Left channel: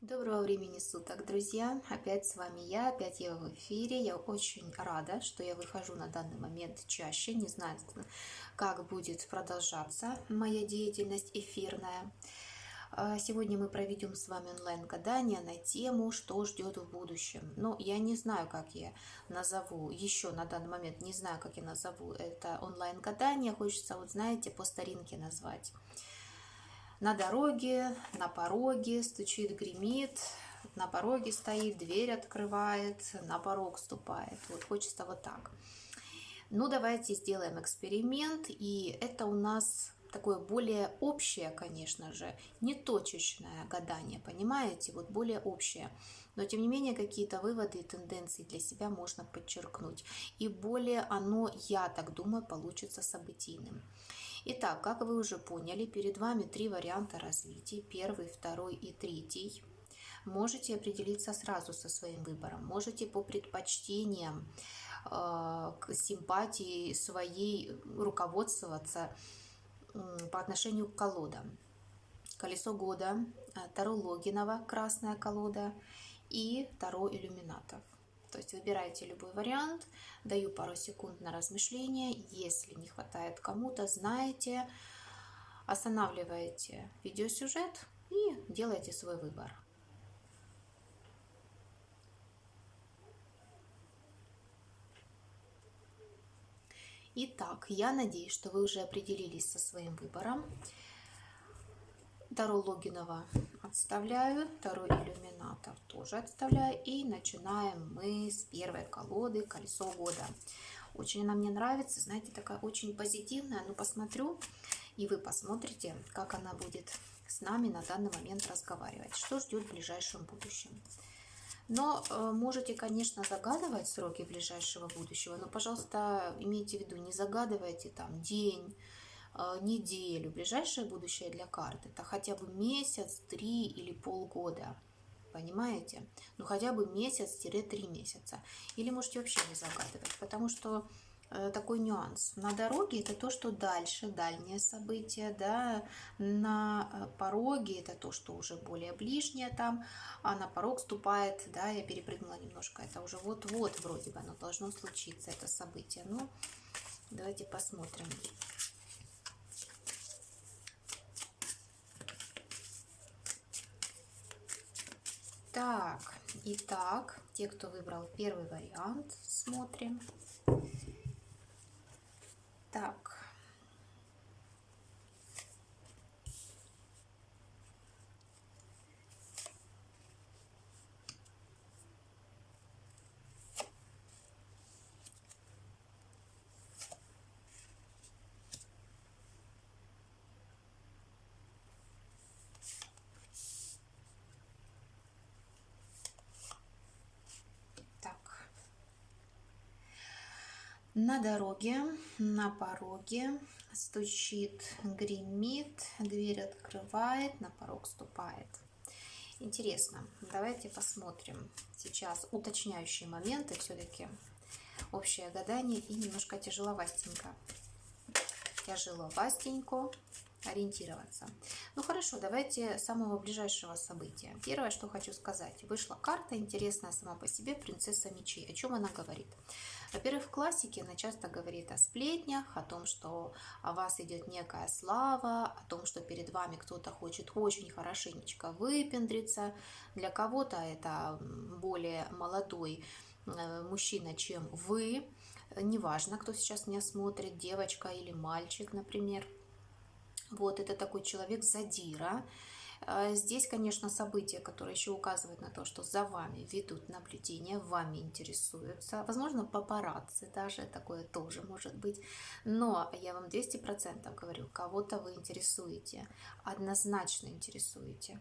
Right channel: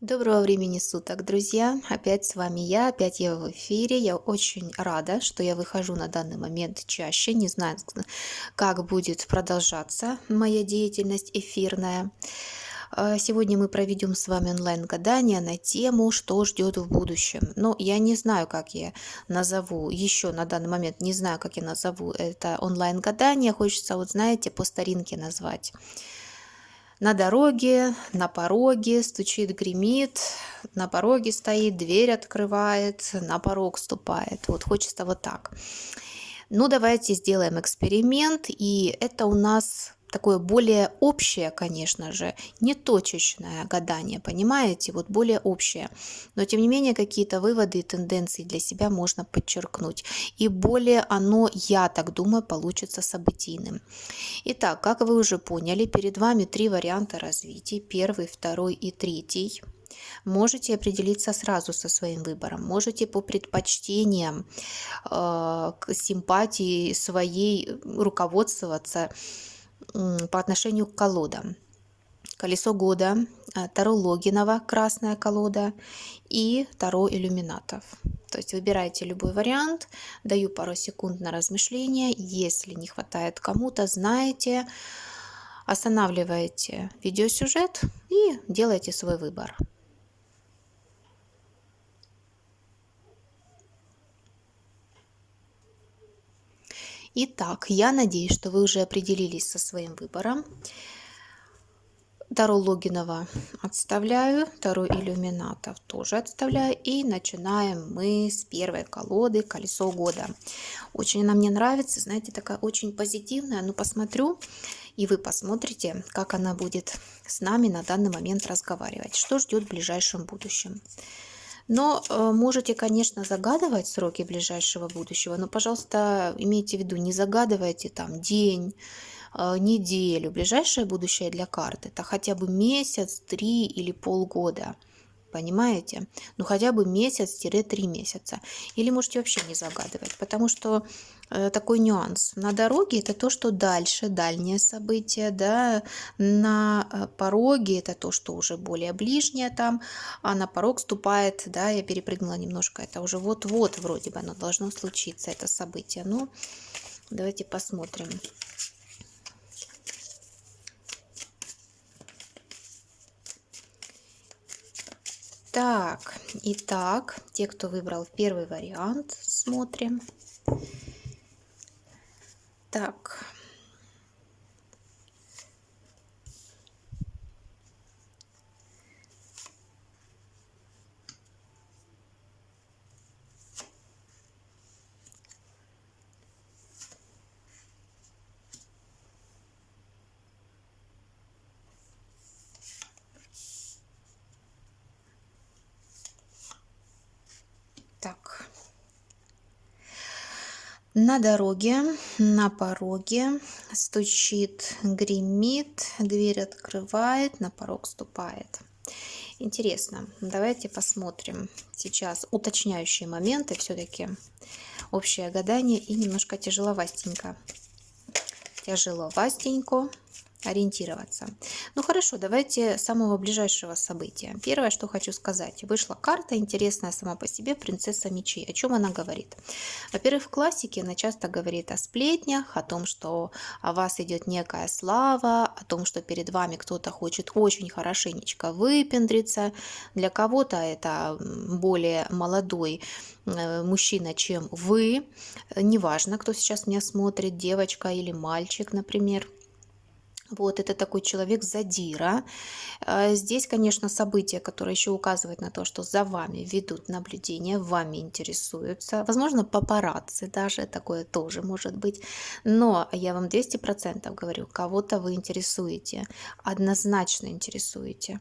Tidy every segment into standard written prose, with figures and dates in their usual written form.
Доброго времени суток, друзья! Опять с вами опять я в эфире. Я очень рада, что я выхожу на данный момент чаще. Не знаю, как будет продолжаться моя деятельность эфирная. Сегодня мы проведем с вами онлайн-гадание на тему, что ждет в будущем. Но я не знаю, как я назову, еще на данный момент не знаю, как я назову это онлайн-гадание. Хочется, вот знаете, по старинке назвать. На дороге, на пороге стучит, гремит, на пороге стоит, дверь открывает, на порог ступает. Вот хочется вот так. Ну, давайте сделаем эксперимент, и это у нас такое более общее, конечно же, не точечное гадание, понимаете, вот более общее. Но, тем не менее, какие-то выводы и тенденции для себя можно подчеркнуть. И более оно, я так думаю, получится событийным. Итак, как вы уже поняли, перед вами три варианта развития. Первый, второй и третий. Можете определиться сразу со своим выбором. Можете по предпочтениям, к симпатии своей руководствоваться по отношению к колодам. Колесо года, Таро Логинова, красная колода и Таро иллюминатов. То есть выбирайте любой вариант, даю пару секунд на размышление. Если не хватает кому-то, знаете, останавливаете видеосюжет и делаете свой выбор. Итак, я надеюсь, что вы уже определились со своим выбором. Таро Логинова отставляю, Таро иллюминатов тоже отставляю. И начинаем мы с первой колоды «Колесо года». Очень она мне нравится, знаете, такая очень позитивная. Ну, посмотрю, и вы посмотрите, как она будет с нами на данный момент разговаривать. Что ждет в ближайшем будущем. Но можете, конечно, загадывать сроки ближайшего будущего, но, пожалуйста, имейте в виду, не загадывайте там день, неделю. Ближайшее будущее для карты — это хотя бы месяц, 3 или полгода. Понимаете? Ну, хотя бы месяц-3 месяца. Или можете вообще не загадывать, потому что такой нюанс. На дороге это то, что дальше, дальнее событие, да, на пороге это то, что уже более ближнее там, а на порог ступает, да, я перепрыгнула немножко, это уже вот-вот вроде бы оно должно случиться, это событие. Ну, давайте посмотрим. Так, итак, те, кто выбрал первый вариант, смотрим. Так, так. На дороге, на пороге стучит, гремит, дверь открывает, на порог ступает. Интересно, давайте посмотрим сейчас уточняющие моменты, все-таки общее гадание и немножко тяжеловастенько. Тяжеловастенько ориентироваться. Ну хорошо, давайте с самого ближайшего события. Первое, что хочу сказать. Вышла карта интересная сама по себе, принцесса мечей. О чем она говорит? Во-первых, в классике она часто говорит о сплетнях, о том, что о вас идет некая слава, о том, что перед вами кто-то хочет очень хорошенечко выпендриться. Для кого-то это более молодой мужчина, чем вы. Неважно, кто сейчас меня смотрит, девочка или мальчик, например. Вот, это такой человек задира. Здесь, конечно, события, которые еще указывают на то, что за вами ведут наблюдение, вами интересуются. Возможно, папарацци даже, такое тоже может быть. Но я вам 200% говорю, кого-то вы интересуете, однозначно интересуете.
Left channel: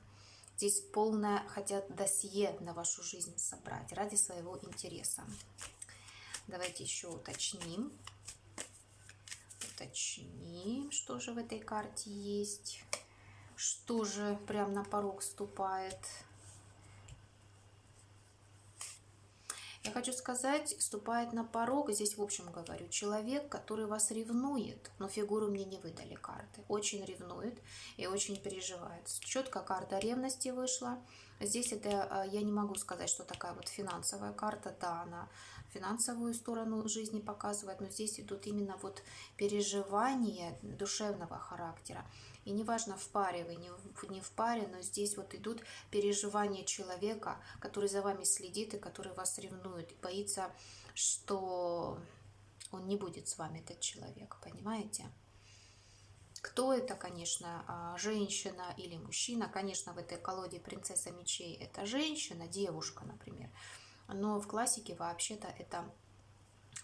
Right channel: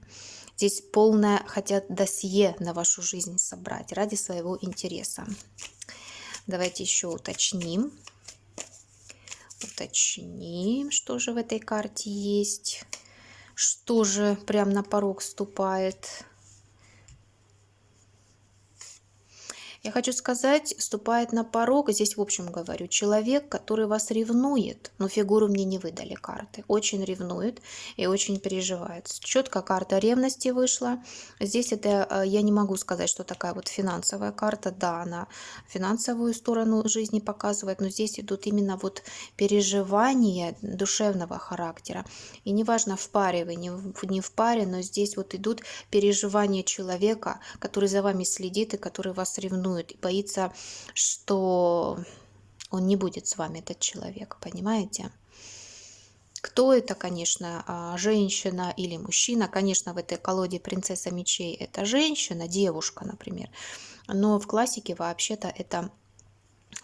Здесь полное хотят досье на вашу жизнь собрать ради своего интереса. Давайте еще уточним. Уточним, что же в этой карте есть. Что же прям на порог ступает. Я хочу сказать, ступает на порог, здесь в общем говорю, человек, который вас ревнует, но фигуру мне не выдали карты, очень ревнует и очень переживает. Четко карта ревности вышла. Здесь это, я не могу сказать, что такая вот финансовая карта, да, она финансовую сторону жизни показывает, но здесь идут именно вот переживания душевного характера. И неважно, в паре вы, не в паре, но здесь вот идут переживания человека, который за вами следит и который вас ревнует, и боится, что он не будет с вами, этот человек, понимаете? Кто это, конечно, женщина или мужчина? Конечно, в этой колоде принцесса мечей это женщина, девушка, например. Но в классике вообще-то это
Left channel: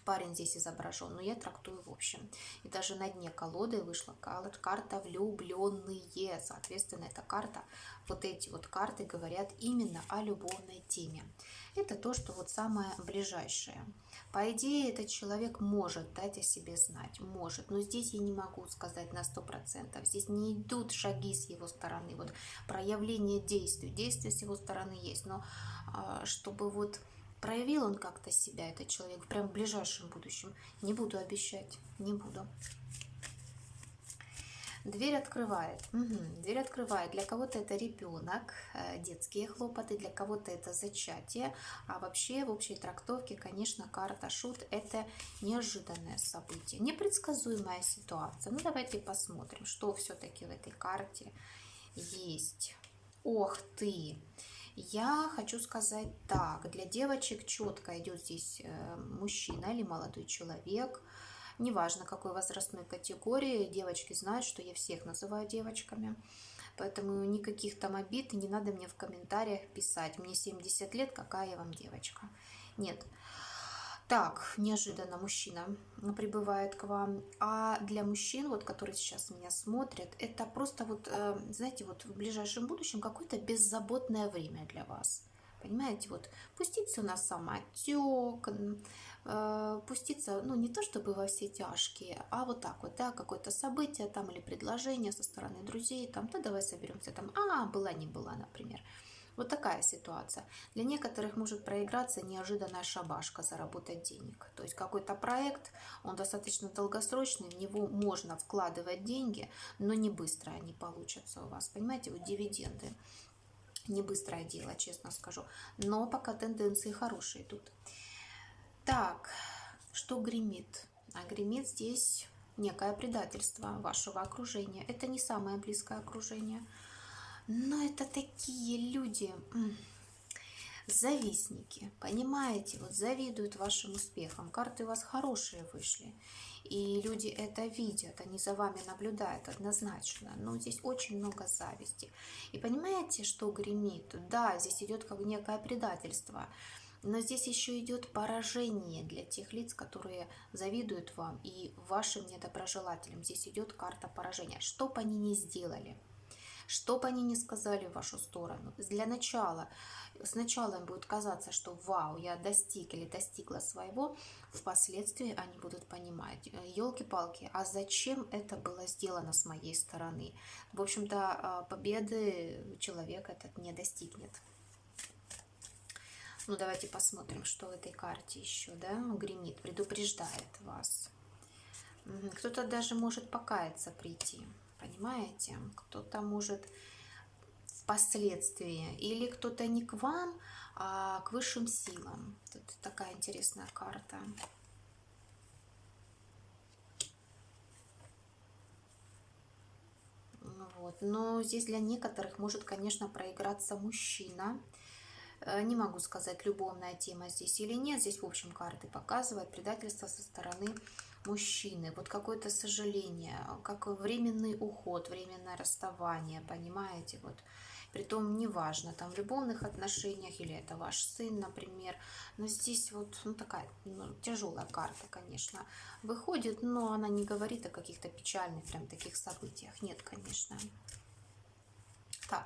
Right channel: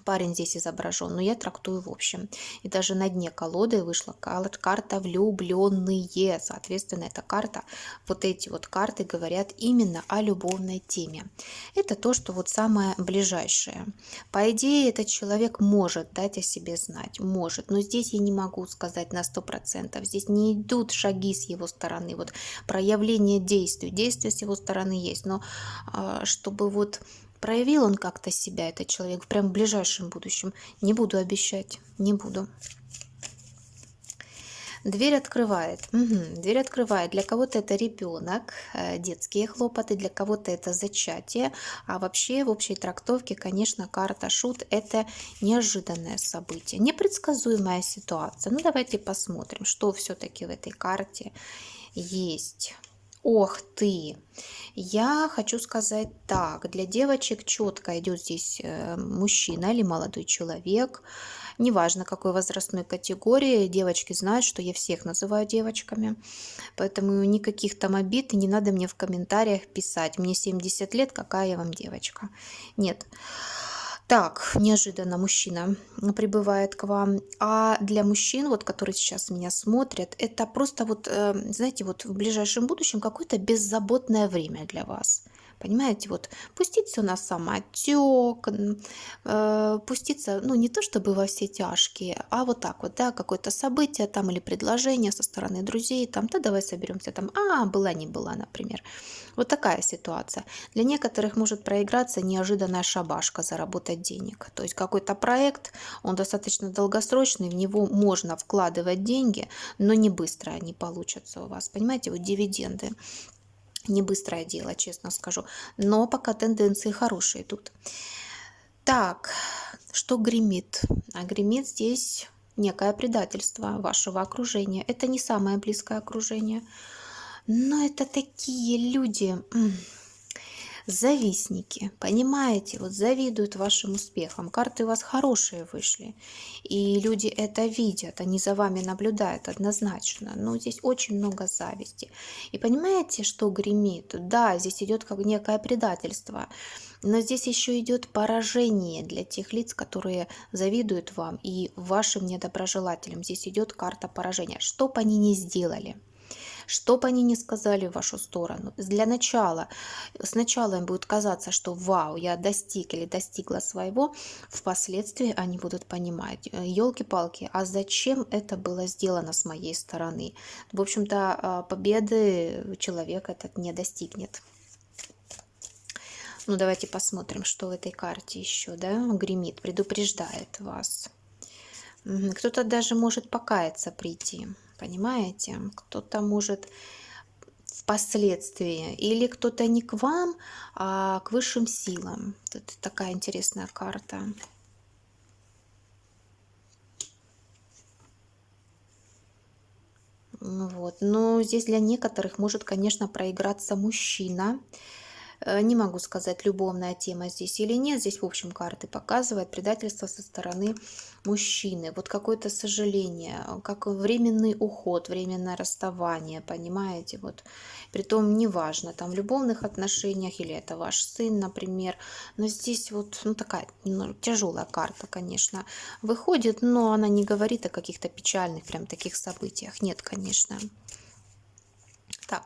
парень здесь изображен, но я трактую в общем. И даже на дне колоды вышла карта влюбленные. Соответственно, эта карта, вот эти вот карты говорят именно о любовной теме. Это то, что вот самое ближайшее. По идее, этот человек может дать о себе знать, может. Но здесь я не могу сказать на 100%. Здесь не идут шаги с его стороны, вот проявление действий. Действия с его стороны есть, но чтобы вот проявил он как-то себя, этот человек, прям в ближайшем будущем. Не буду обещать, не буду. Дверь открывает. Угу. Дверь открывает. Для кого-то это ребенок, детские хлопоты, для кого-то это зачатие. А вообще в общей трактовке, конечно, карта шут – это неожиданное событие, непредсказуемая ситуация. Ну давайте посмотрим, что все-таки в этой карте есть. Ох ты! Я хочу сказать так, для девочек четко идет здесь мужчина или молодой человек, неважно какой возрастной категории, девочки знают, что я всех называю девочками, поэтому никаких там обид, и не надо мне в комментариях писать, мне 70 лет, какая я вам девочка. Нет. Так, неожиданно мужчина прибывает к вам. А для мужчин, вот, которые сейчас меня смотрят, это просто вот, знаете, вот в ближайшем будущем какое-то беззаботное время для вас. Понимаете, вот пустить все на самотек, пуститься, ну не то чтобы во все тяжкие, а вот так вот, да, какое-то событие там или предложение со стороны друзей, там, да, давай соберемся, там, была не была, например. Вот такая ситуация. Для некоторых может проиграться неожиданная шабашка, заработать денег. То есть какой-то проект, он достаточно долгосрочный, в него можно вкладывать деньги, но не быстро они получатся у вас. Понимаете, вот дивиденды. Не быстрое дело, честно скажу. Но пока тенденции хорошие тут. Так, что гремит? А гремит здесь некое предательство вашего окружения. Это не самое близкое окружение. Но это такие люди, завистники, понимаете, вот завидуют вашим успехам. Карты у вас хорошие вышли, и люди это видят, они за вами наблюдают однозначно. Но здесь очень много зависти. И понимаете, что гремит? Да, здесь идет как некое предательство. Но здесь еще идет поражение для тех лиц, которые завидуют вам и вашим недоброжелателям. Здесь идет карта поражения. Что бы они ни сделали, что бы они ни сказали в вашу сторону, для начала, сначала им будет казаться, что вау, я достиг или достигла своего, впоследствии они будут понимать, елки-палки, а зачем это было сделано с моей стороны? В общем-то, победы человек этот не достигнет. Ну, давайте посмотрим, что в этой карте еще, да, гремит, предупреждает вас. Кто-то даже может покаяться прийти, понимаете? Кто-то может впоследствии, или кто-то не к вам, а к высшим силам. Тут такая интересная карта. Вот. Но здесь для некоторых может, конечно, проиграться мужчина. Не могу сказать, любовная тема здесь или нет. Здесь, в общем, карты показывают предательство со стороны мужчины. Вот какое-то сожаление, как временный уход, временное расставание, понимаете? Вот. Притом неважно, там в любовных отношениях или это ваш сын, например. Но здесь вот такая тяжелая карта, конечно, выходит, но она не говорит о каких-то печальных прям таких событиях. Нет, конечно. Так,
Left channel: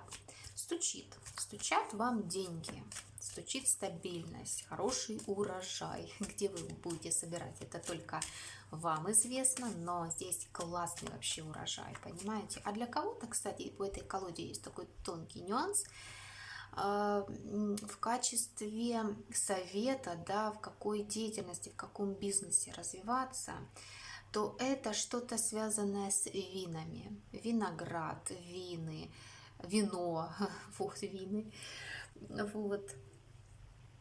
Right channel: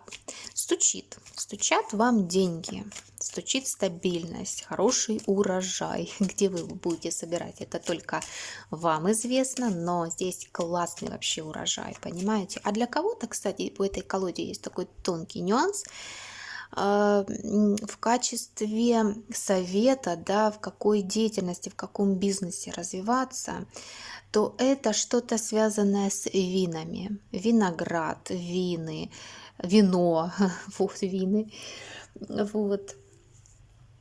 стучат вам деньги, стучит стабильность, хороший урожай. Где вы будете собирать, это только вам известно, но здесь классный вообще урожай, понимаете? А для кого-то, кстати, в этой колоде есть такой тонкий нюанс. В качестве совета, да, в какой деятельности, в каком бизнесе развиваться, то это что-то связанное с винами. Виноград, вины, вино, вот вины, вот.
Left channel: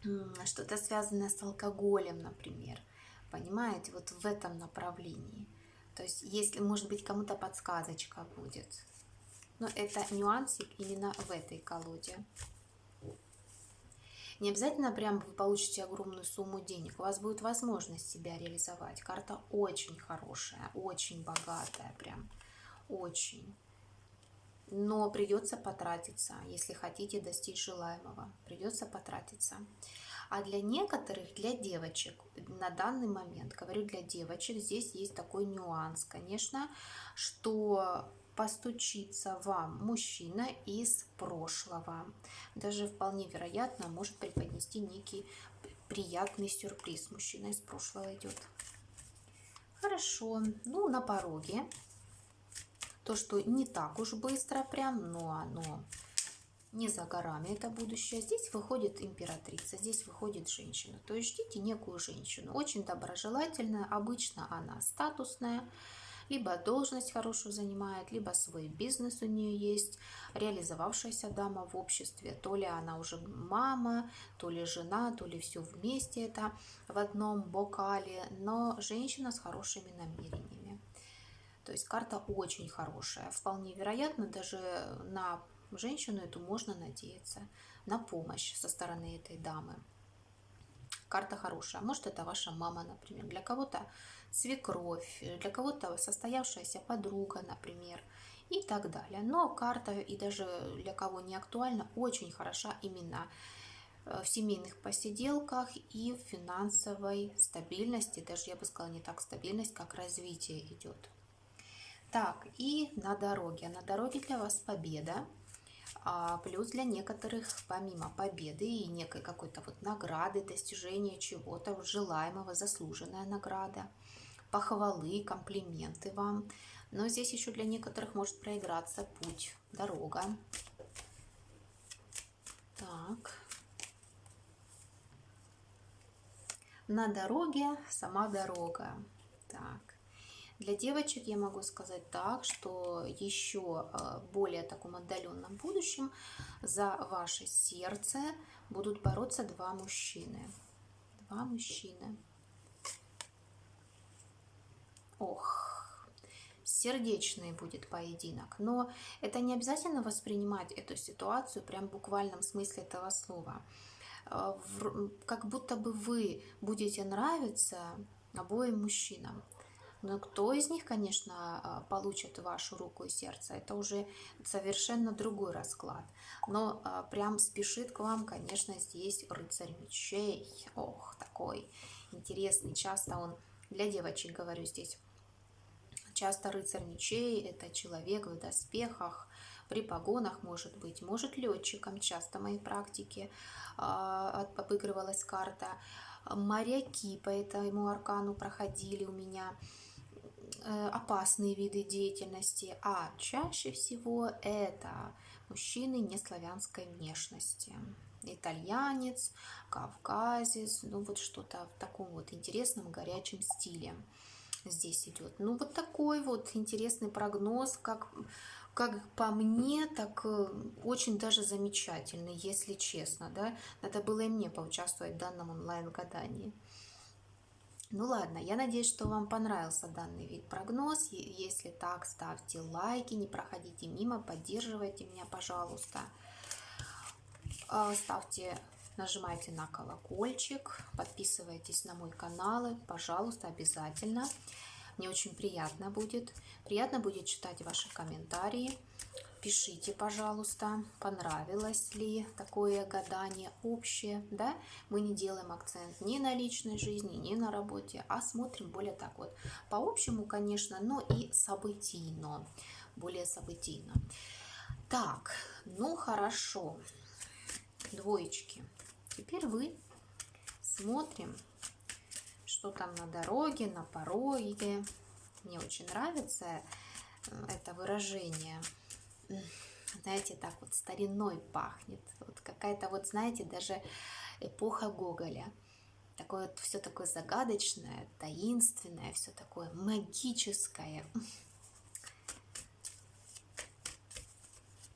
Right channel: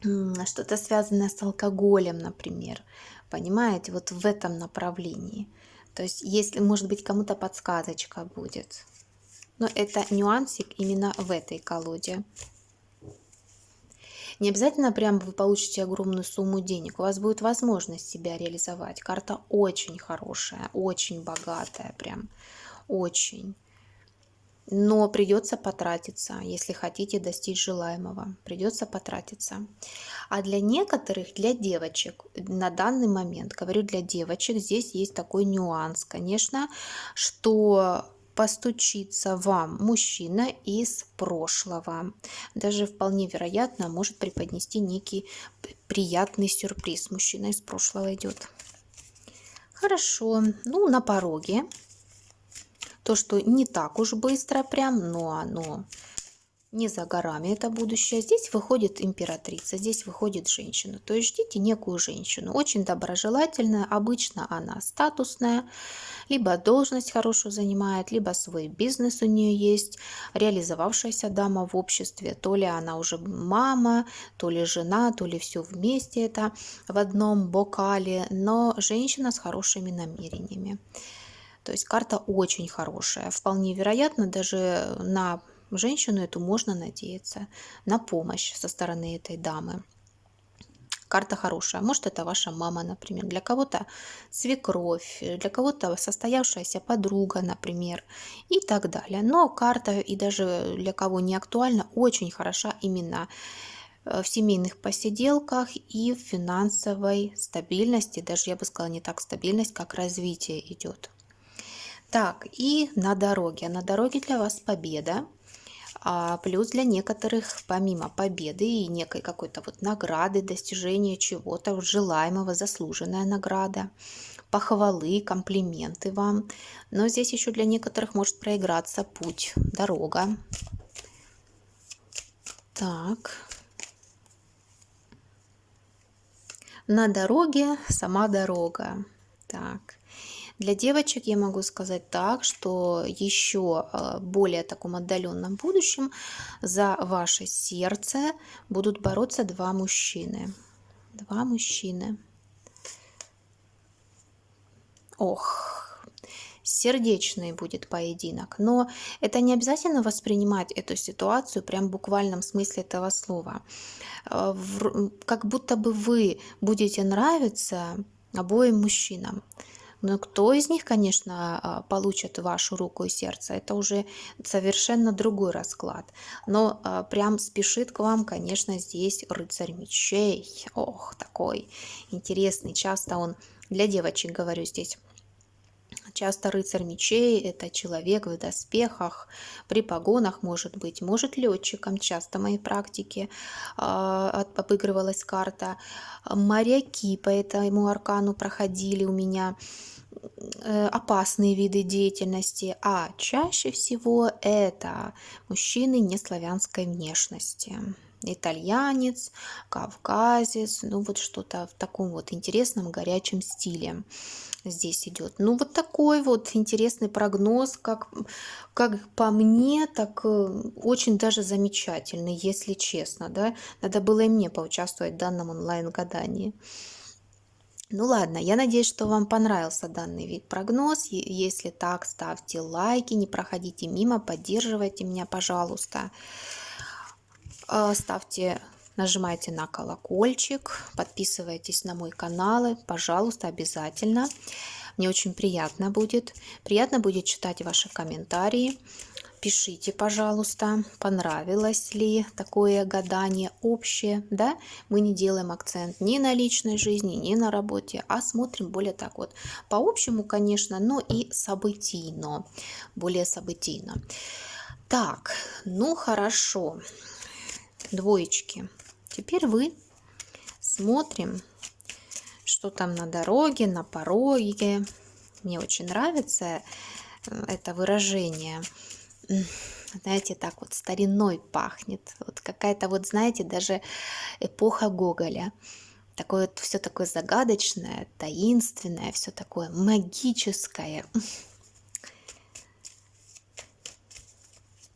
Что-то связанное с алкоголем, например. Понимаете, вот в этом направлении. То есть, если, может быть, кому-то подсказочка будет. Но это нюансик именно в этой колоде. Не обязательно прям вы получите огромную сумму денег. У вас будет возможность себя реализовать. Карта очень хорошая, очень богатая, прям очень. Но придется потратиться, если хотите достичь желаемого. Придется потратиться. А для некоторых, для девочек, на данный момент, говорю для девочек, здесь есть такой нюанс, конечно, что постучится вам мужчина из прошлого. Даже вполне вероятно может преподнести некий приятный сюрприз. Мужчина из прошлого идет. Хорошо, ну на пороге. То, что не так уж быстро прям, но оно не за горами, это будущее. Здесь выходит императрица, здесь выходит женщина. То есть ждите некую женщину, очень доброжелательная, обычно она статусная, либо должность хорошую занимает, либо свой бизнес у нее есть, реализовавшаяся дама в обществе. То ли она уже мама, то ли жена, то ли все вместе это в одном бокале, но женщина с хорошими намерениями. То есть карта очень хорошая. Вполне вероятно, даже на женщину эту можно надеяться, на помощь со стороны этой дамы. Карта хорошая. Может, это ваша мама, например. Для кого-то свекровь, для кого-то состоявшаяся подруга, например, и так далее. Но карта, и даже для кого не актуальна, очень хороша именно в семейных посиделках и в финансовой стабильности. Даже, я бы сказала, не так стабильность, как развитие идет. Так, и на дороге. На дороге для вас победа. Плюс для некоторых, помимо победы и некой какой-то вот награды, достижения чего-то вот желаемого, заслуженная награда, похвалы, комплименты вам. Но здесь еще для некоторых может проиграться путь, дорога. Так. На дороге сама дорога. Так. Для девочек я могу сказать так, что еще более таком отдаленном будущем за ваше сердце будут бороться два мужчины. Два мужчины. Ох, сердечный будет поединок. Но это не обязательно воспринимать эту ситуацию прям в буквальном смысле этого слова. Как будто бы вы будете нравиться обоим мужчинам. Но кто из них, конечно, получит вашу руку и сердце, это уже совершенно другой расклад. Но прям спешит к вам, конечно, здесь рыцарь мечей. Ох, такой интересный. Часто он, для девочек говорю здесь, часто рыцарь мечей – это человек в доспехах, при погонах, может летчиком, часто в моей практике обыгрывалась карта. Моряки по этому аркану проходили у меня, опасные виды деятельности, а чаще всего это мужчины неславянской внешности. Итальянец, кавказец, ну вот что-то в таком вот интересном горячем стиле здесь идет. Ну вот такой вот интересный прогноз, как по мне, так очень даже замечательный, если честно, да. Надо было и мне поучаствовать в данном онлайн-гадании. Ну ладно, я надеюсь, что вам понравился данный вид прогноз. Если так, ставьте лайки, не проходите мимо, поддерживайте меня, пожалуйста. Нажимайте на колокольчик, подписывайтесь на мой канал, пожалуйста, обязательно. Мне очень приятно будет. Приятно будет читать ваши комментарии. Пишите, пожалуйста, понравилось ли такое гадание общее, да? Мы не делаем акцент ни на личной жизни, ни на работе, а смотрим более так вот по общему, конечно, но и событийно, более событийно. Так, ну хорошо, двоечки. Теперь вы смотрим, что там на дороге, на пороге. Мне очень нравится это выражение. знаете, так вот стариной пахнет. Вот какая-то вот, знаете, даже эпоха Гоголя. Такое вот все такое загадочное, таинственное, все такое магическое.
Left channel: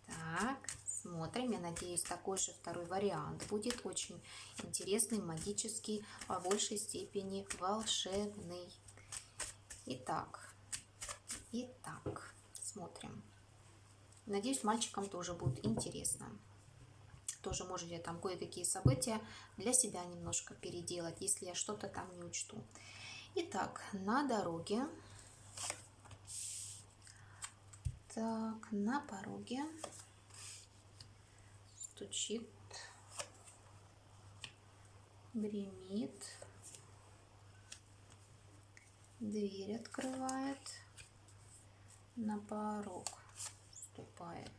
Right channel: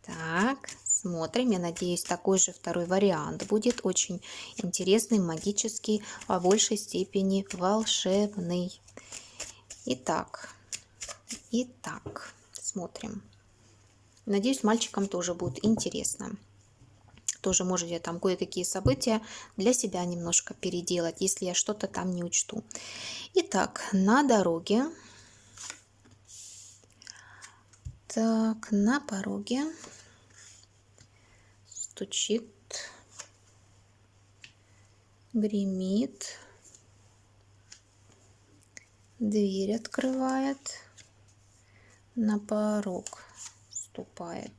Так, смотрим. Я надеюсь, такой же второй вариант будет очень интересный, магический, а в большей степени волшебный. Итак, смотрим. Надеюсь, мальчикам тоже будет интересно. Тоже можете там кое-какие события для себя немножко переделать, если я что-то там не учту. Итак, на дороге. Так, на пороге стучит, гремит, дверь открывает, на порог ступает.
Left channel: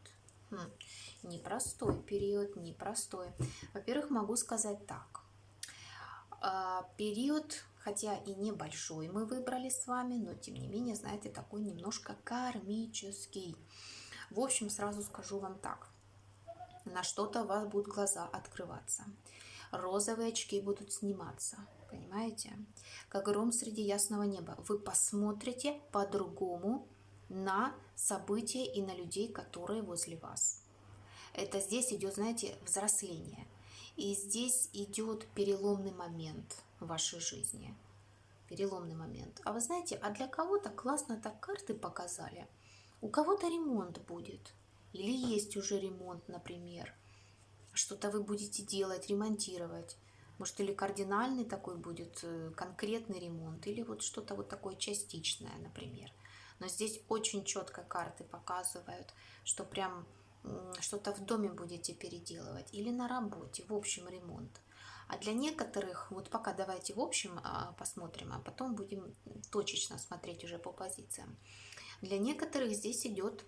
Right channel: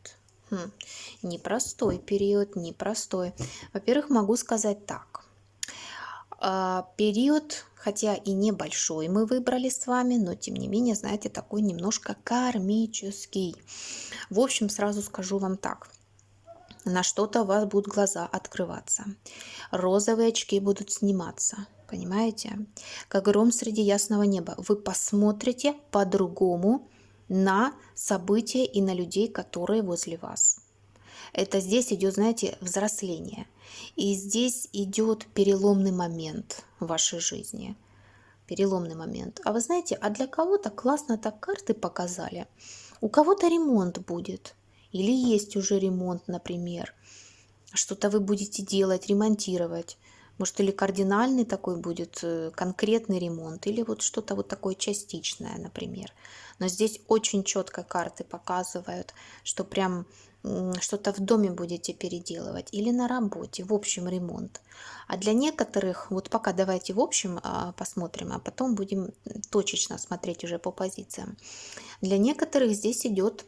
Непростой период, непростой. Во-первых, могу сказать так. Период, хотя и небольшой мы выбрали с вами, но тем не менее, знаете, такой немножко кармический. В общем, сразу скажу вам так. На что-то у вас будут глаза открываться. Розовые очки будут сниматься. Понимаете? Как гром среди ясного неба. Вы посмотрите по-другому на события и на людей, которые возле вас. Это здесь идет, знаете, взросление. И здесь идет переломный момент в вашей жизни. Переломный момент. А вы знаете, а для кого-то классно так карты показали. У кого-то ремонт будет. Или есть уже ремонт, например. Что-то вы будете делать, ремонтировать. Может, или кардинальный такой будет конкретный ремонт, или вот что-то вот такое частичное, например. Но здесь очень четко карты показывают, что прям что-то в доме будете переделывать или на работе, в общем ремонт. А для некоторых, вот пока давайте в общем посмотрим, а потом будем точечно смотреть уже по позициям. Для некоторых здесь идет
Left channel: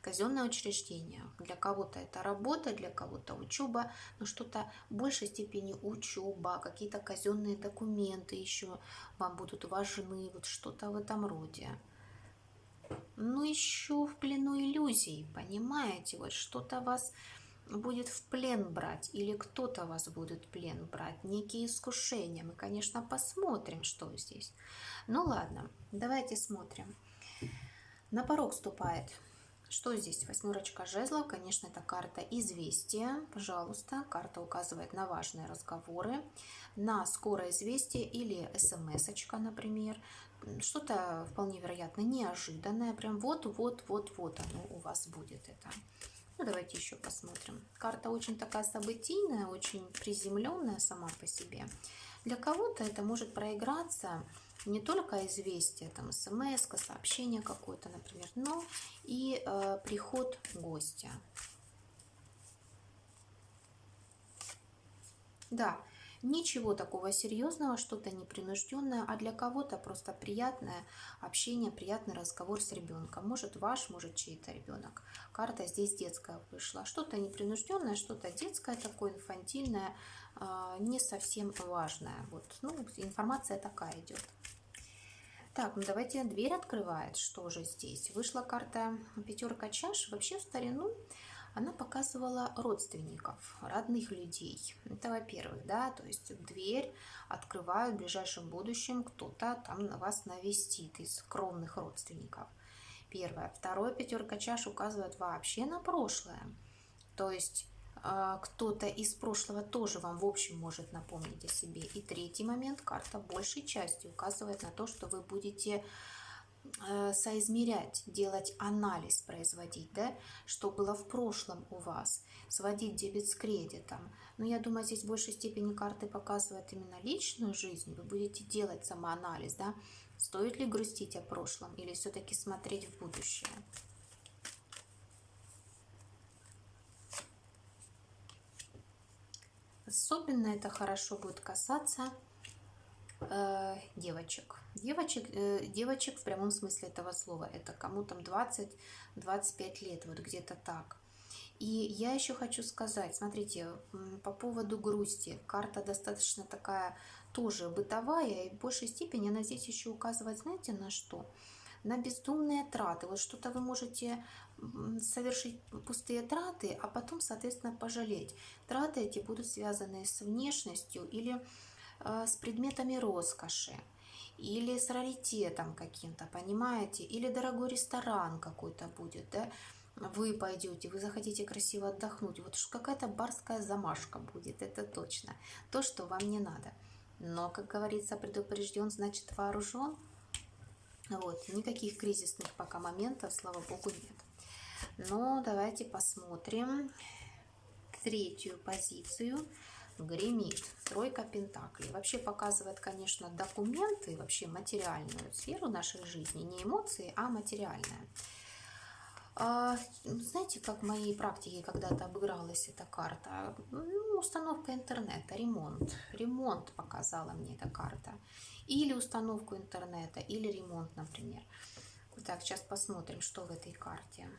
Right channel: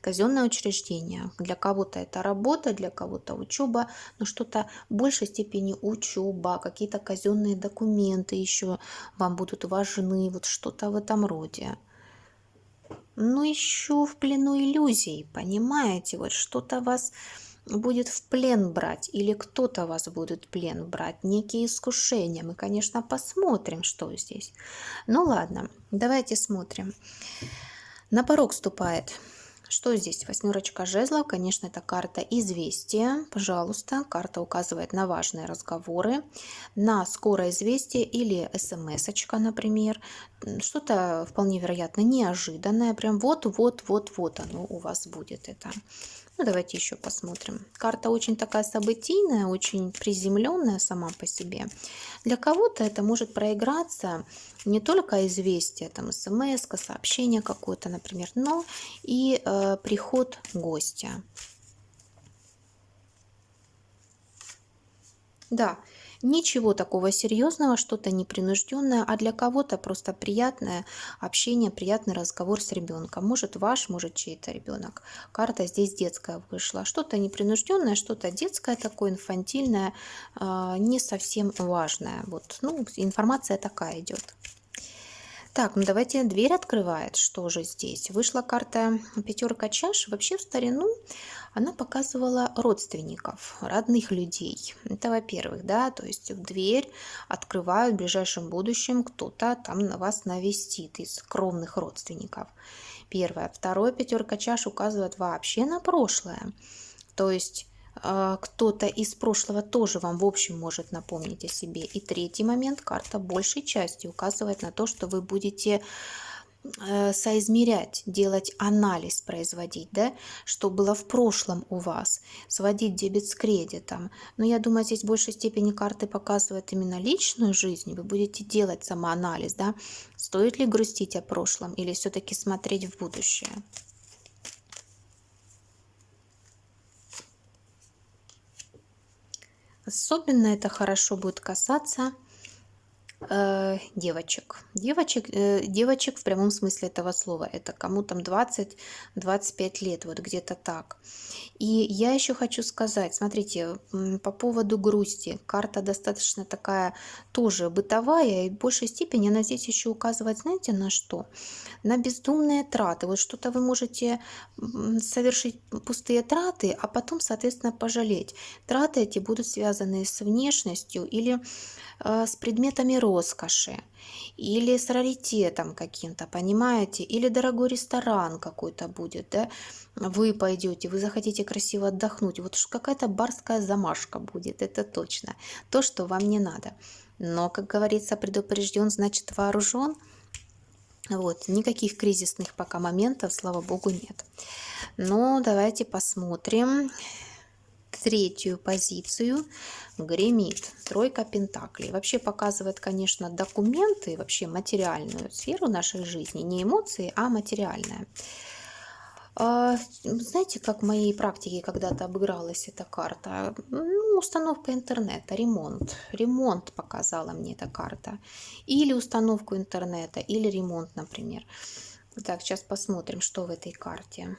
казенное учреждение. Для кого-то это работа, для кого-то учеба, но что-то в большей степени учеба, какие-то казенные документы еще вам будут важны, вот что-то в этом роде. Но еще в плену иллюзий, понимаете, вот что-то вас будет в плен брать, или кто-то вас будет в плен брать, некие искушения. Мы, конечно, посмотрим, что здесь. Ну ладно, давайте смотрим. На порог ступает. Что здесь? Восьмерочка жезлов. Конечно, это карта известия. Пожалуйста, карта указывает на важные разговоры, на скорое известие или смс-очка, например. Что-то вполне вероятно неожиданное. Прям вот оно у вас будет это. Ну, давайте еще посмотрим. Карта очень такая событийная, очень приземленная сама по себе. Для кого-то это может проиграться не только известие, там смс, сообщение какое-то, например, но и приход гостя. Да, ничего такого серьезного, что-то непринужденное, а для кого-то просто приятное общение, приятный разговор с ребенком. Может ваш, может чей-то ребенок. Карта здесь детская вышла. Что-то непринужденное, что-то детское такое, инфантильное, не совсем важное. Вот, ну, информация такая идет. Так, ну давайте дверь открывает. Что же здесь? Вышла карта пятерка чаш. Вообще в старину она показывала родственников, родных людей. Это во-первых, да, то есть в дверь открывают в ближайшем будущем кто-то там на вас навестит из кровных родственников. Первое. Второе, пятерка чаш указывает вообще на прошлое. То есть кто-то из прошлого тоже вам в общем может напомнить о себе. И третий момент, карта большей части указывает на то, что вы будете соизмерять, делать анализ, производить, да, что было в прошлом у вас, сводить дебет с кредитом. Но я думаю, здесь в большей степени карты показывают именно личную жизнь. Вы будете делать самоанализ, да, стоит ли грустить о прошлом или все-таки смотреть в будущее. Особенно это хорошо будет касаться девочек. Девочек в прямом смысле этого слова. Это кому там 20-25 лет, вот где-то так. И я еще хочу сказать, смотрите, по поводу грусти. Карта достаточно такая тоже бытовая, и в большей степени она здесь еще указывает, знаете, на что? на бездумные траты. Вот что-то вы можете совершить пустые траты, а потом, соответственно, пожалеть. Траты эти будут связаны с внешностью или с предметами роскоши, или с раритетом каким-то, понимаете? Или дорогой ресторан какой-то будет, да? Вы пойдете, вы захотите красиво отдохнуть. Вот какая-то барская замашка будет, это точно. То, что вам не надо. Но, как говорится, предупрежден, значит вооружен. Вот, никаких кризисных пока моментов, слава богу, нет. Но давайте посмотрим третью позицию. Гремит тройка пентаклей. Вообще показывает, конечно, документы, вообще материальную сферу нашей жизни. Не эмоции, а материальная. Знаете, как в моей практике когда-то обыгралась эта карта? Ну, установка интернета, ремонт. Ремонт показала мне эта карта. Или установку интернета, или ремонт, например. Так, сейчас посмотрим, что в этой карте.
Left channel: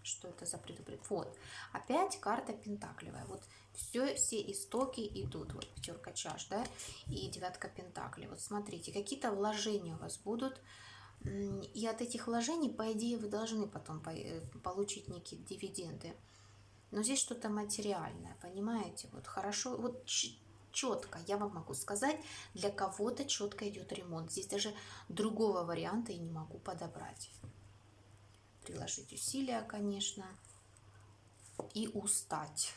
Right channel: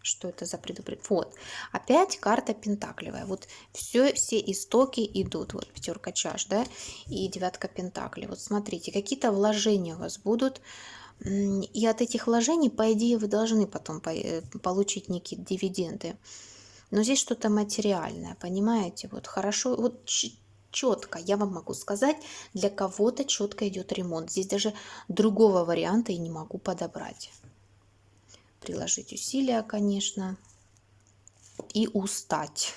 Что это за предупреждение? Вот, опять карта пентаклевая. Вот все истоки идут. Вот пятерка чаш, да, и девятка пентаклей. Вот смотрите, какие-то вложения у вас будут. И от этих вложений, по идее, вы должны потом получить некие дивиденды. Но здесь что-то материальное, понимаете? Вот хорошо, вот четко, я вам могу сказать, для кого-то четко идет ремонт. Здесь даже другого варианта и не могу подобрать. Приложить усилия, конечно, и устать.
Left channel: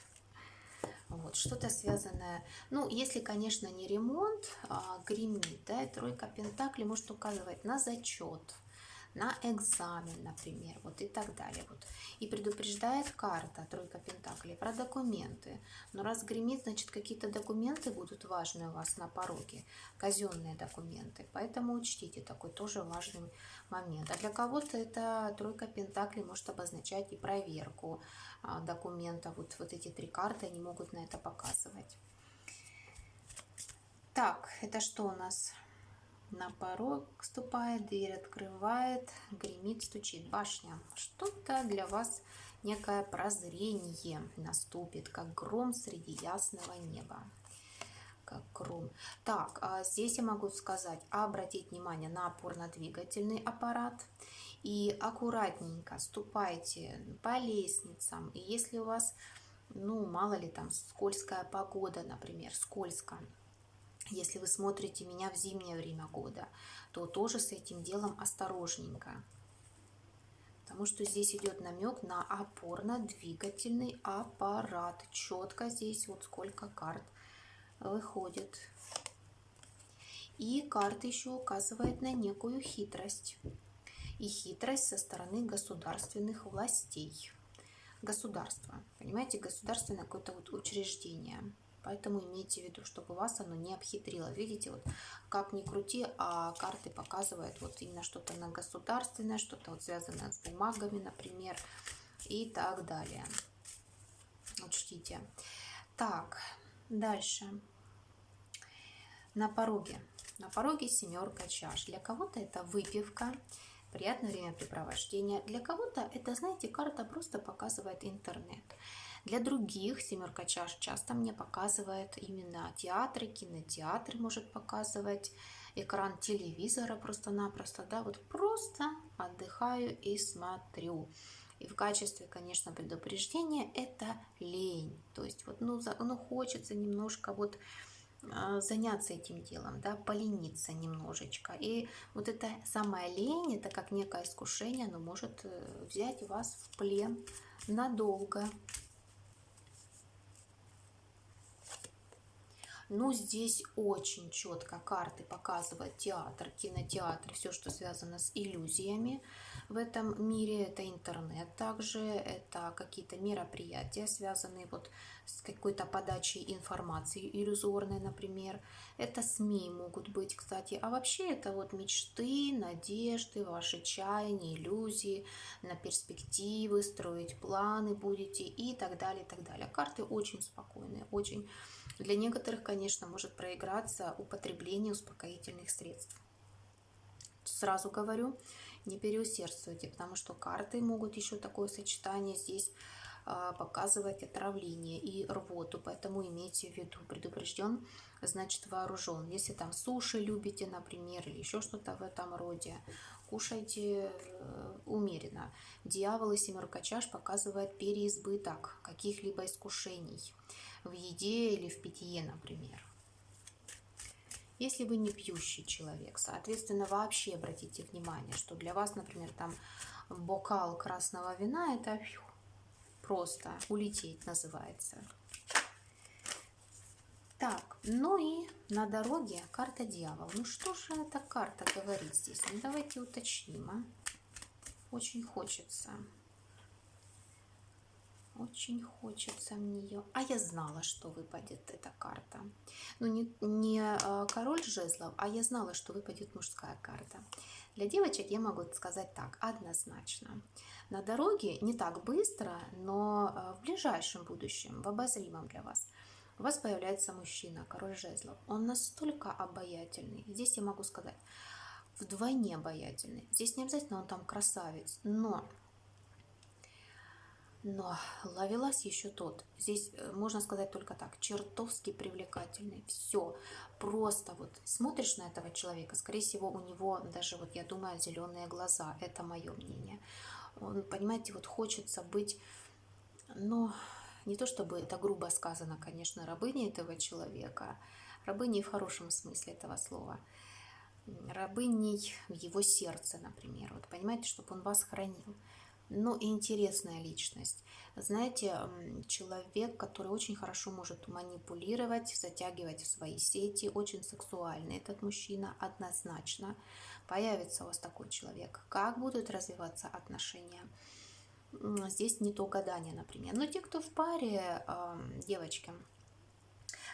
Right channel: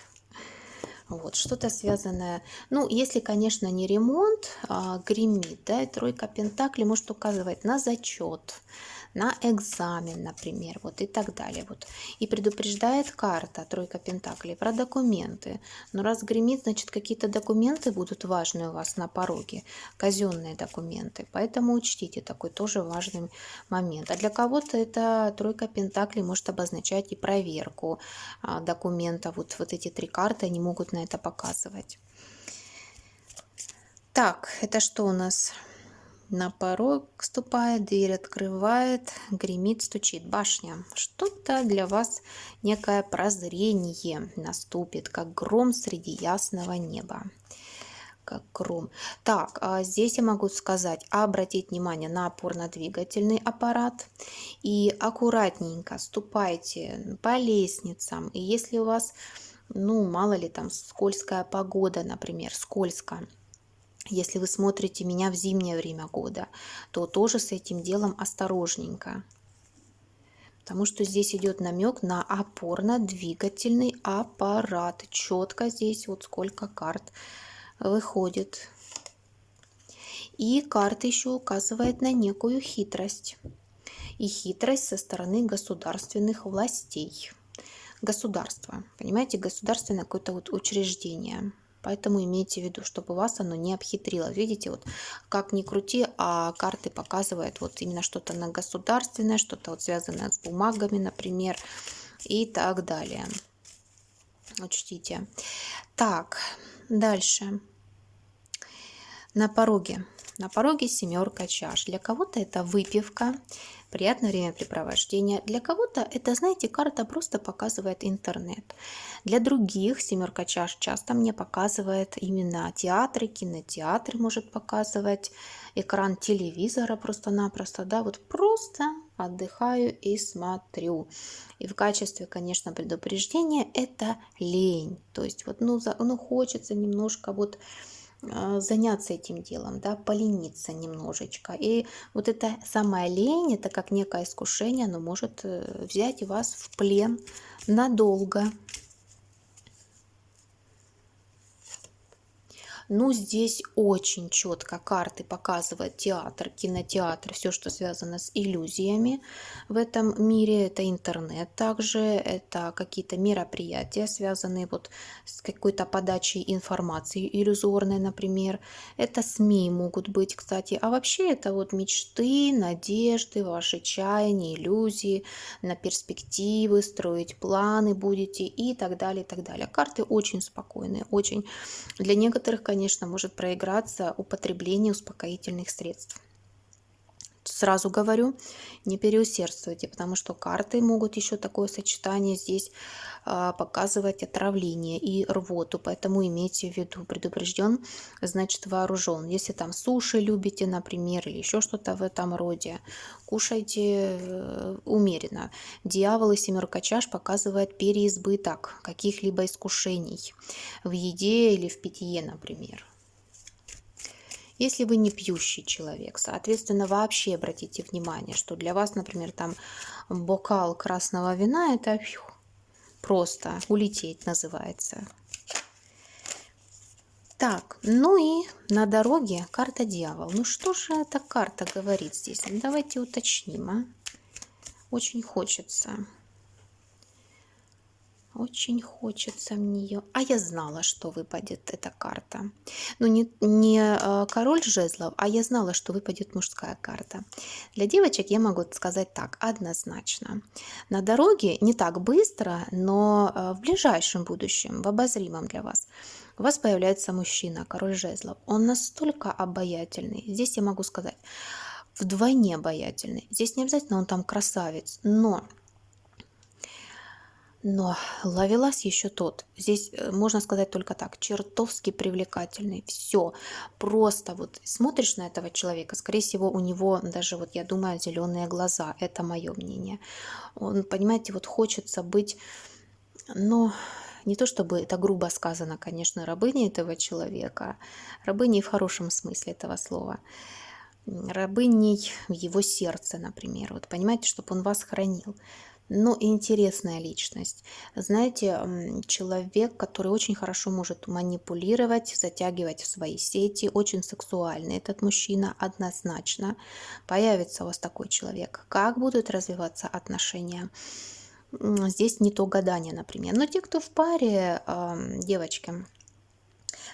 Вот, что-то связанное, ну, если, конечно, не ремонт, гремит, да, и тройка пентаклей может указывать на зачет, на экзамен, например, вот и так далее. Вот. И предупреждает карта, тройка пентаклей, про документы. Но раз гремит, значит, какие-то документы будут важные у вас на пороге, казенные документы. Поэтому учтите такой тоже важный момент. А для кого-то это тройка пентаклей может обозначать и проверку документов. Вот эти три карты, они могут на это показывать. Так, это что у нас? На порог ступает, дверь открывает, гремит, стучит. Башня. Что-то для вас, некое прозрение наступит, как гром среди ясного неба. Как гром. Так, здесь я могу сказать, обратить внимание на опорно-двигательный аппарат и аккуратненько ступайте по лестницам. И если у вас, ну, мало ли, там скользкая погода, например, скользко, если вы смотрите меня в зимнее время года, то тоже с этим делом осторожненько. Потому что здесь идет намек на опорно-двигательный аппарат. Четко здесь вот сколько карт выходит. И карта еще указывает на некую хитрость. И хитрость со стороны государственных властей. Государство, понимаете, государственное какое-то вот учреждение. Поэтому имейте в виду, чтобы вас оно не обхитрило. Видите, вот как ни крути, а карты показывают вот именно что-то на государственное, что-то вот связанное с бумагами, например, и так далее. Учтите. Так, дальше. На пороге. На пороге семерка чаш. Для кого-то это выпивка, приятное времяпрепровождение. Для кого-то это, знаете, карта просто показывает интернет. Для других семерка чаш часто мне показывает именно театры, кинотеатры может показывать, экран телевизора просто-напросто, да, вот просто отдыхаю и смотрю. И в качестве, конечно, предупреждения это лень. То есть вот, ну хочется немножко вот заняться этим делом, да, полениться немножечко. И вот эта самая лень, это как некое искушение, оно может взять вас в плен надолго. Ну, здесь очень четко карты показывают театр, кинотеатр, все, что связано с иллюзиями в этом мире. Это интернет также, это какие-то мероприятия, связанные вот с какой-то подачей информации иллюзорной, например. Это СМИ могут быть, кстати. А вообще это вот мечты, надежды, ваши чаяния, иллюзии на перспективы, строить планы будете и так далее, и так далее. Карты очень спокойные, очень. Для некоторых, конечно, может проиграться употребление успокоительных средств. сразу говорю, не переусердствуйте, потому что карты могут еще такое сочетание здесь показывать отравление и рвоту, поэтому имейте в виду, предупрежден, значит вооружен. Если там суши любите, например, или еще что-то в этом роде, кушайте умеренно. Дьявол и семерка чаш показывает переизбыток каких-либо искушений в еде или в питье, например. Если вы не пьющий человек, соответственно, вообще обратите внимание, что для вас, например, там бокал красного вина – это просто улететь называется. Так, ну и на дороге карта дьявол. Ну что же эта карта говорит здесь? Ну, давайте уточним, а? Очень хочется. Очень хочется мне ее. А я знала, что выпадет эта карта. Ну, не король жезлов, а я знала, что выпадет мужская карта. Для девочек я могу сказать так, однозначно. На дороге не так быстро, но в ближайшем будущем, в обозримом для вас, у вас появляется мужчина, король жезлов. Он настолько обаятельный. Здесь я могу сказать, вдвойне обаятельный. Здесь не обязательно он там красавец, но ловелас еще тот. Здесь можно сказать только так, чертовски привлекательный. Все, просто вот смотришь на этого человека, скорее всего, у него даже, вот я думаю, зеленые глаза. Это мое мнение. Он, понимаете, вот хочется быть, ну, не то чтобы это грубо сказано, конечно, рабыней этого человека, рабыней в хорошем смысле этого слова, рабыней в его сердце, например. Вот понимаете, чтобы он вас хранил. Ну, интересная личность. Знаете, человек, который очень хорошо может манипулировать, затягивать в свои сети, очень сексуальный этот мужчина, однозначно. Появится у вас такой человек. Как будут развиваться отношения? Здесь не то гадание, например. Но те, кто в паре, девочки,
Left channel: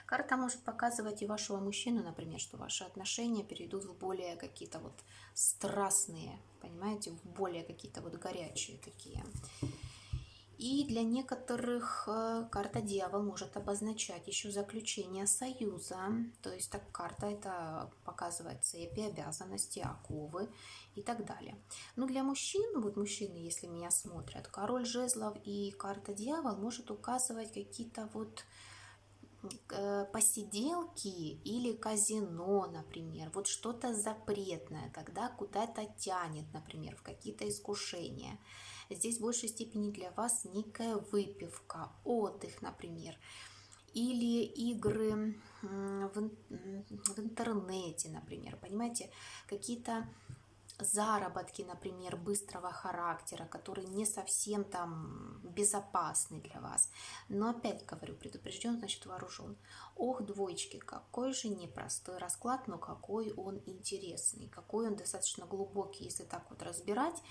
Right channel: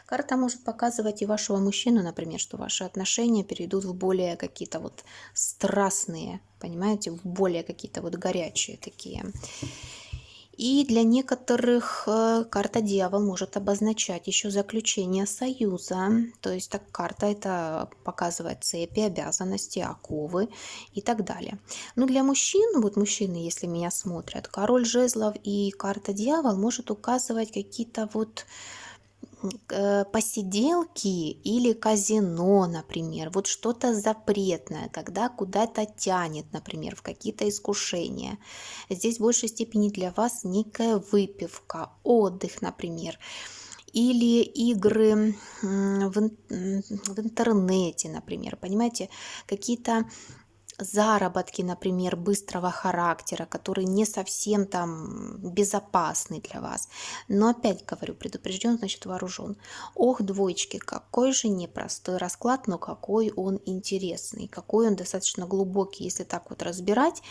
карта может показывать и вашего мужчину, например, что ваши отношения перейдут в более какие-то вот страстные, понимаете, в более какие-то вот горячие такие. И для некоторых карта дьявол может обозначать еще заключение союза. То есть так карта это показывает цепи, обязанности, оковы и так далее. Но для мужчин, вот мужчины, если меня смотрят, король жезлов и карта дьявол может указывать какие-то вот посиделки или казино, например, вот что-то запретное, когда куда-то тянет, например, в какие-то искушения. Здесь в большей степени для вас некая выпивка, отдых, например, или игры в интернете, например, понимаете, какие-то заработки, например, быстрого характера, которые не совсем там безопасны для вас. Но опять говорю, предупрежден, значит вооружен. Ох, двоечки, какой же непростой расклад, но какой он интересный, какой он достаточно глубокий. Если так вот разбирать,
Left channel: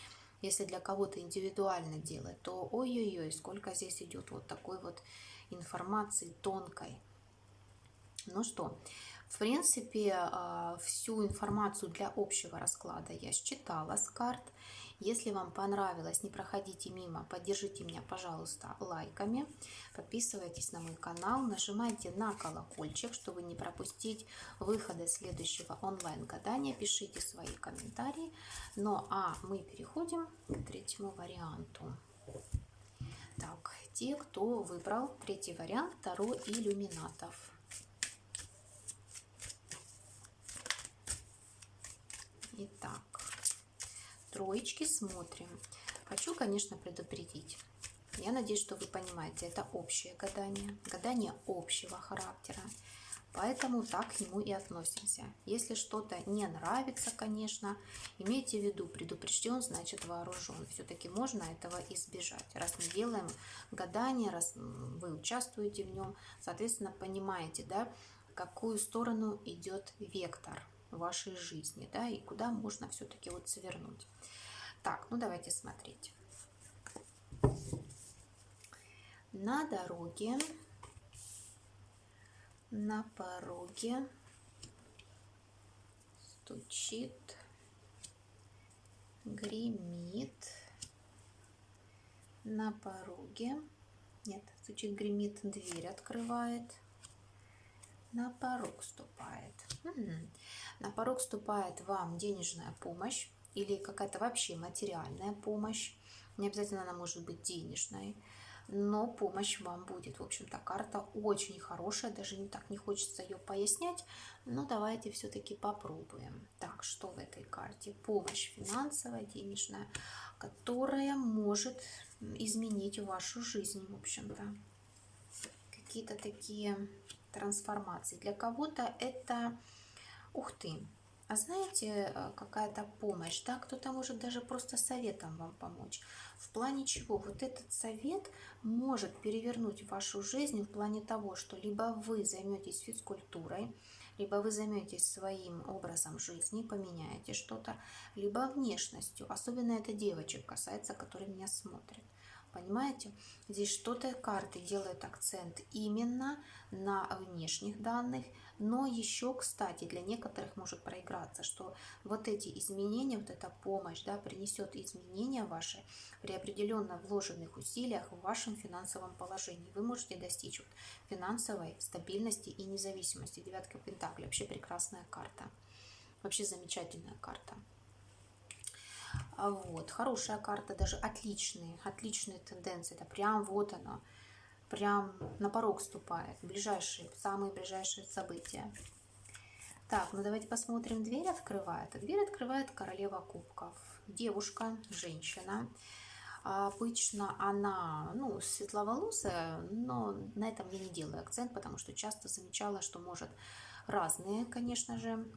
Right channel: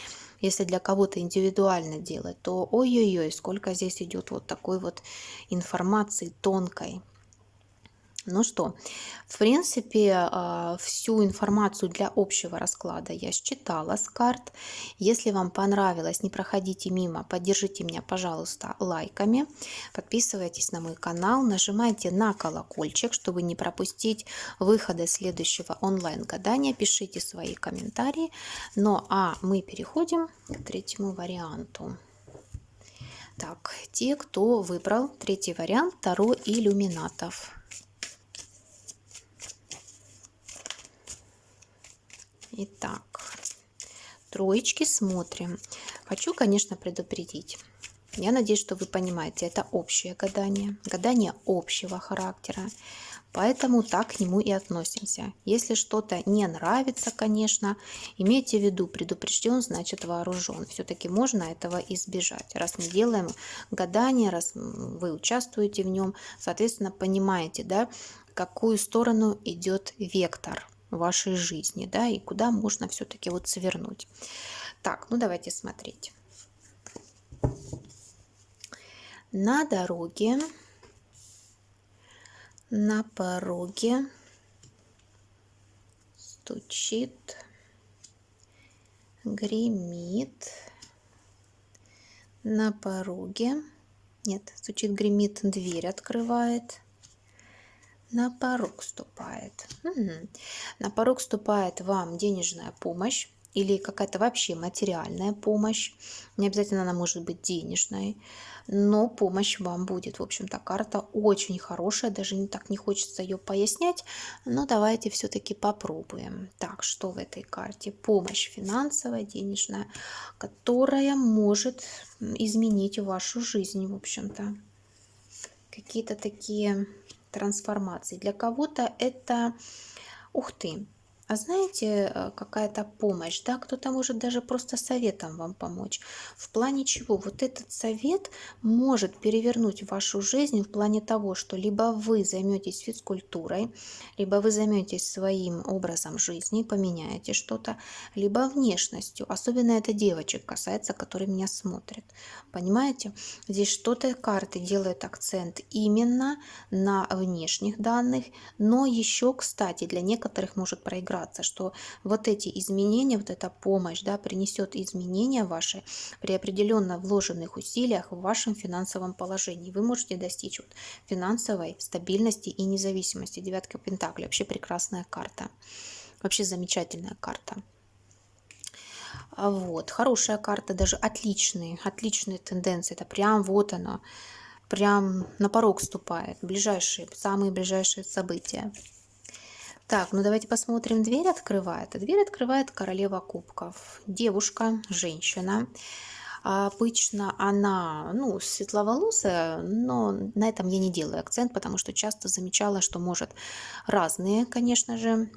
если для кого-то индивидуально делать, то ой-ой-ой, сколько здесь идет вот такой вот информации тонкой. Ну что, в принципе, всю информацию для общего расклада я считала с карт. Если вам понравилось, не проходите мимо, поддержите меня, пожалуйста, лайками. Подписывайтесь на мой канал, нажимайте на колокольчик, чтобы не пропустить выхода следующего онлайн-гадания. Пишите свои комментарии. Ну а мы переходим к третьему варианту. Так, те, кто выбрал третий вариант, Таро иллюминатов. Итак, троечки смотрим. Хочу, конечно, предупредить. Я надеюсь, что вы понимаете, это общее гадание общего характера. Поэтому так к нему и относимся. Если что-то не нравится, конечно, имейте в виду, предупрежден, значит вооружен. Все-таки можно этого избежать. Раз мы делаем гадание, раз вы участвуете в нем, соответственно, понимаете, да, в какую сторону идет вектор вашей жизни, да, и куда можно все-таки вот свернуть. Так, ну давайте смотреть. На дороге, на пороге стучит, гремит, на пороге, нет, стучит, гремит, дверь открывает, На порог ступает. На порог ступает вам денежная помощь или какая-то вообще материальная помощь. Не обязательно она может быть денежной, но помощь вам будет. В общем-то, карта очень хорошая, даже не так не хочется ее пояснять, но давайте все-таки попробуем. Так, что в этой карте? Помощь финансовая, денежная, которая может изменить вашу жизнь, в общем-то. Какие-то такие трансформации. Для кого-то это, ух ты, а знаете, какая-то помощь, да, кто-то может даже просто советом вам помочь. В плане чего? Вот этот совет может перевернуть вашу жизнь в плане того, что либо вы займетесь физкультурой, либо вы займетесь своим образом жизни, поменяете что-то, либо внешностью. Особенно это девочек касается, которые меня смотрят. Понимаете? Здесь что-то карты делают акцент именно на внешних данных, но еще, кстати, для некоторых может проиграться, что вот эти изменения, вот эта помощь, да, принесет изменения ваши при определенно вложенных усилиях в вашем финансовом положении. Вы можете достичь вот финансовой стабильности и независимости. Девятка Пентаклей, вообще прекрасная карта, вообще замечательная карта. Вот, хорошая карта, даже отличные тенденции. Это прям вот она, прям на порог ступает. Самые ближайшие события. Так, ну давайте посмотрим. Дверь открывает. Дверь открывает королева кубков. Девушка, женщина. Обычно она, ну, светловолосая, но на этом я не делаю акцент, потому что часто замечала, что может разные, конечно же,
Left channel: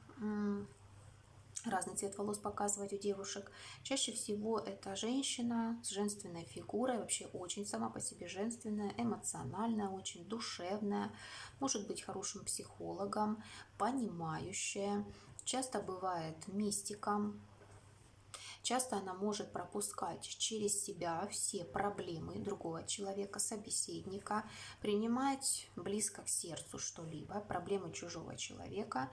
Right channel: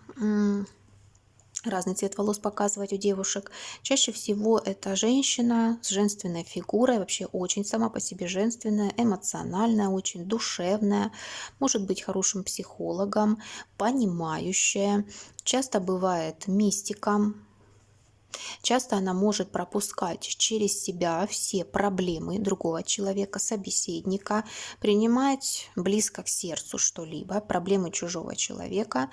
разный цвет волос показывать у девушек. Чаще всего это женщина с женственной фигурой, вообще очень сама по себе женственная, эмоциональная, очень душевная, может быть хорошим психологом, понимающая, часто бывает мистиком. Часто она может пропускать через себя все проблемы другого человека, собеседника, принимать близко к сердцу что-либо, проблемы чужого человека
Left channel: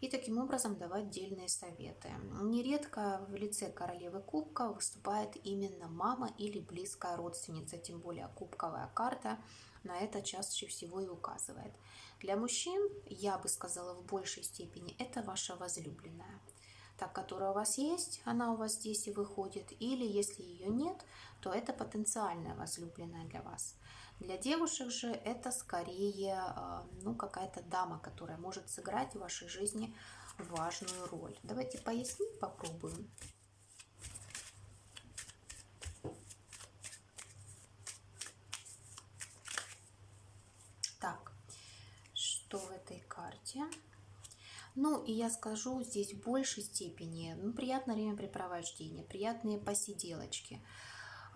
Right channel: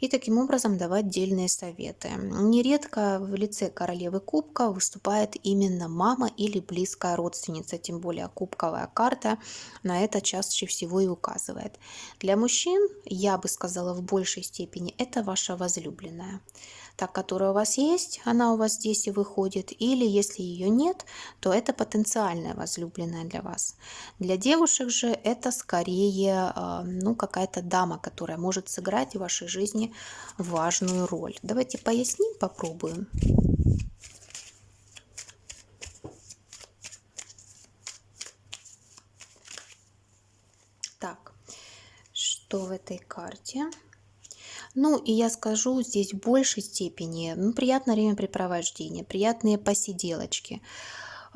и таким образом давать дельные советы. Нередко в лице королевы кубка выступает именно мама или близкая родственница, тем более кубковая карта на это чаще всего и указывает. Для мужчин, я бы сказала, в большей степени это ваша возлюбленная. Та, которая у вас есть, она у вас здесь и выходит, или если ее нет, то это потенциальная возлюбленная для вас. Для девушек же это скорее ну, какая-то дама, которая может сыграть в вашей жизни важную роль. Давайте поясним, попробуем. Так, что в этой карте? Ну, и я скажу здесь в большей степени, ну, приятное времяпрепровождение, приятные посиделочки,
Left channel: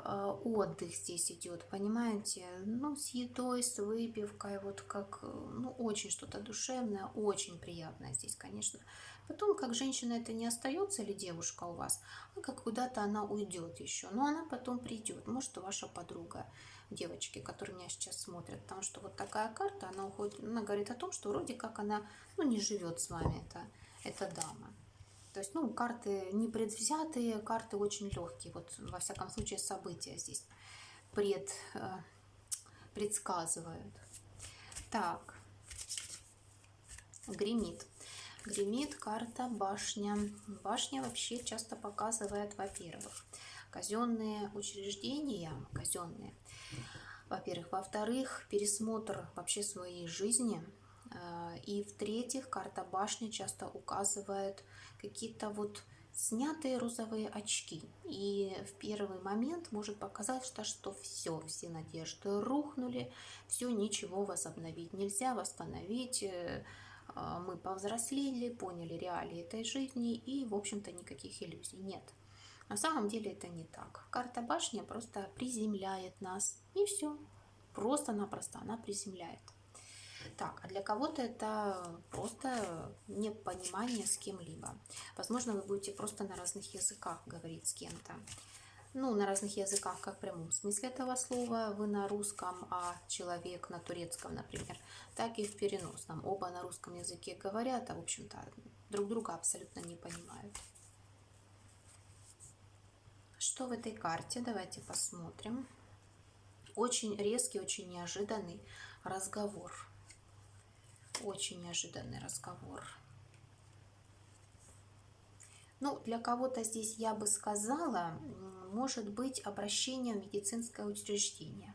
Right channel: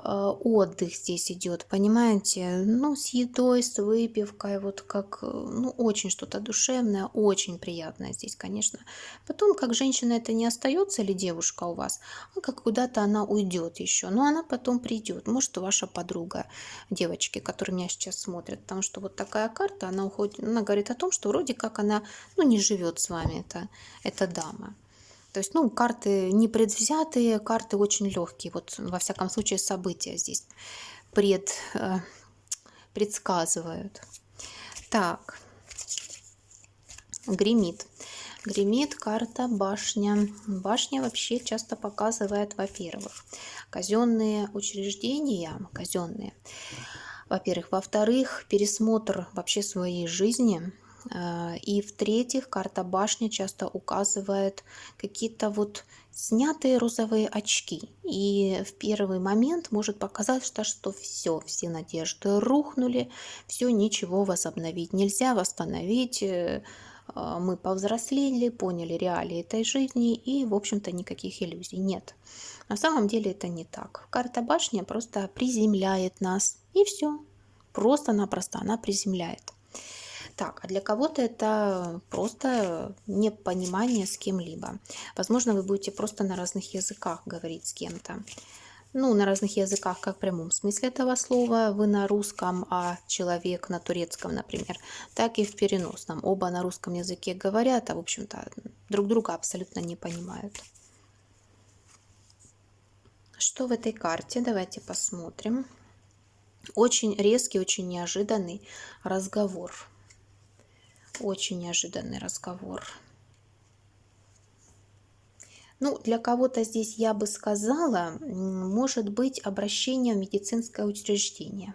отдых здесь идет, понимаете, ну, с едой, с выпивкой, вот как, ну, очень что-то душевное, очень приятное здесь, конечно. Потом, как женщина, это не остается ли девушка у вас, а как куда-то она уйдет еще, но она потом придет, может, ваша подруга, девочки, которые меня сейчас смотрят, потому что вот такая карта, она уходит, она говорит о том, что вроде как она, ну, не живет с вами, эта дама. То есть, ну, карты не предвзятые, карты очень легкие. Вот, во всяком случае, события здесь предсказывают. Так, гремит. Гремит карта башня. Башня вообще часто показывает, во-первых, казенные учреждения, казенные. Во-первых. Во-вторых, пересмотр вообще своей жизни. И в-третьих, карта башни часто указывает какие-то вот снятые розовые очки. И в первый момент может показаться, что все надежды рухнули, все, ничего возобновить нельзя, восстановить. Мы повзрослели, поняли реалии этой жизни и, в общем-то, никаких иллюзий нет. На самом деле это не так. Карта башни просто приземляет нас, и все. Просто-напросто она приземляет. Так, а для кого-то это просто непонимание с кем-либо. Возможно, вы будете просто на разных языках говорить с кем-то. Ну, на разных языках, как в прямом смысле этого слова. Вы на русском, а человек на турецком, например. Так и в переносном. Оба на русском языке говорят, а, в общем-то, друг друга абсолютно не понимают. Что в этой карте? Давайте посмотрим. Очень резкий, очень неожиданный разговор. Очень неожиданный разговор. Ну, для кого-то здесь я бы сказала, может быть обращение в медицинское учреждение.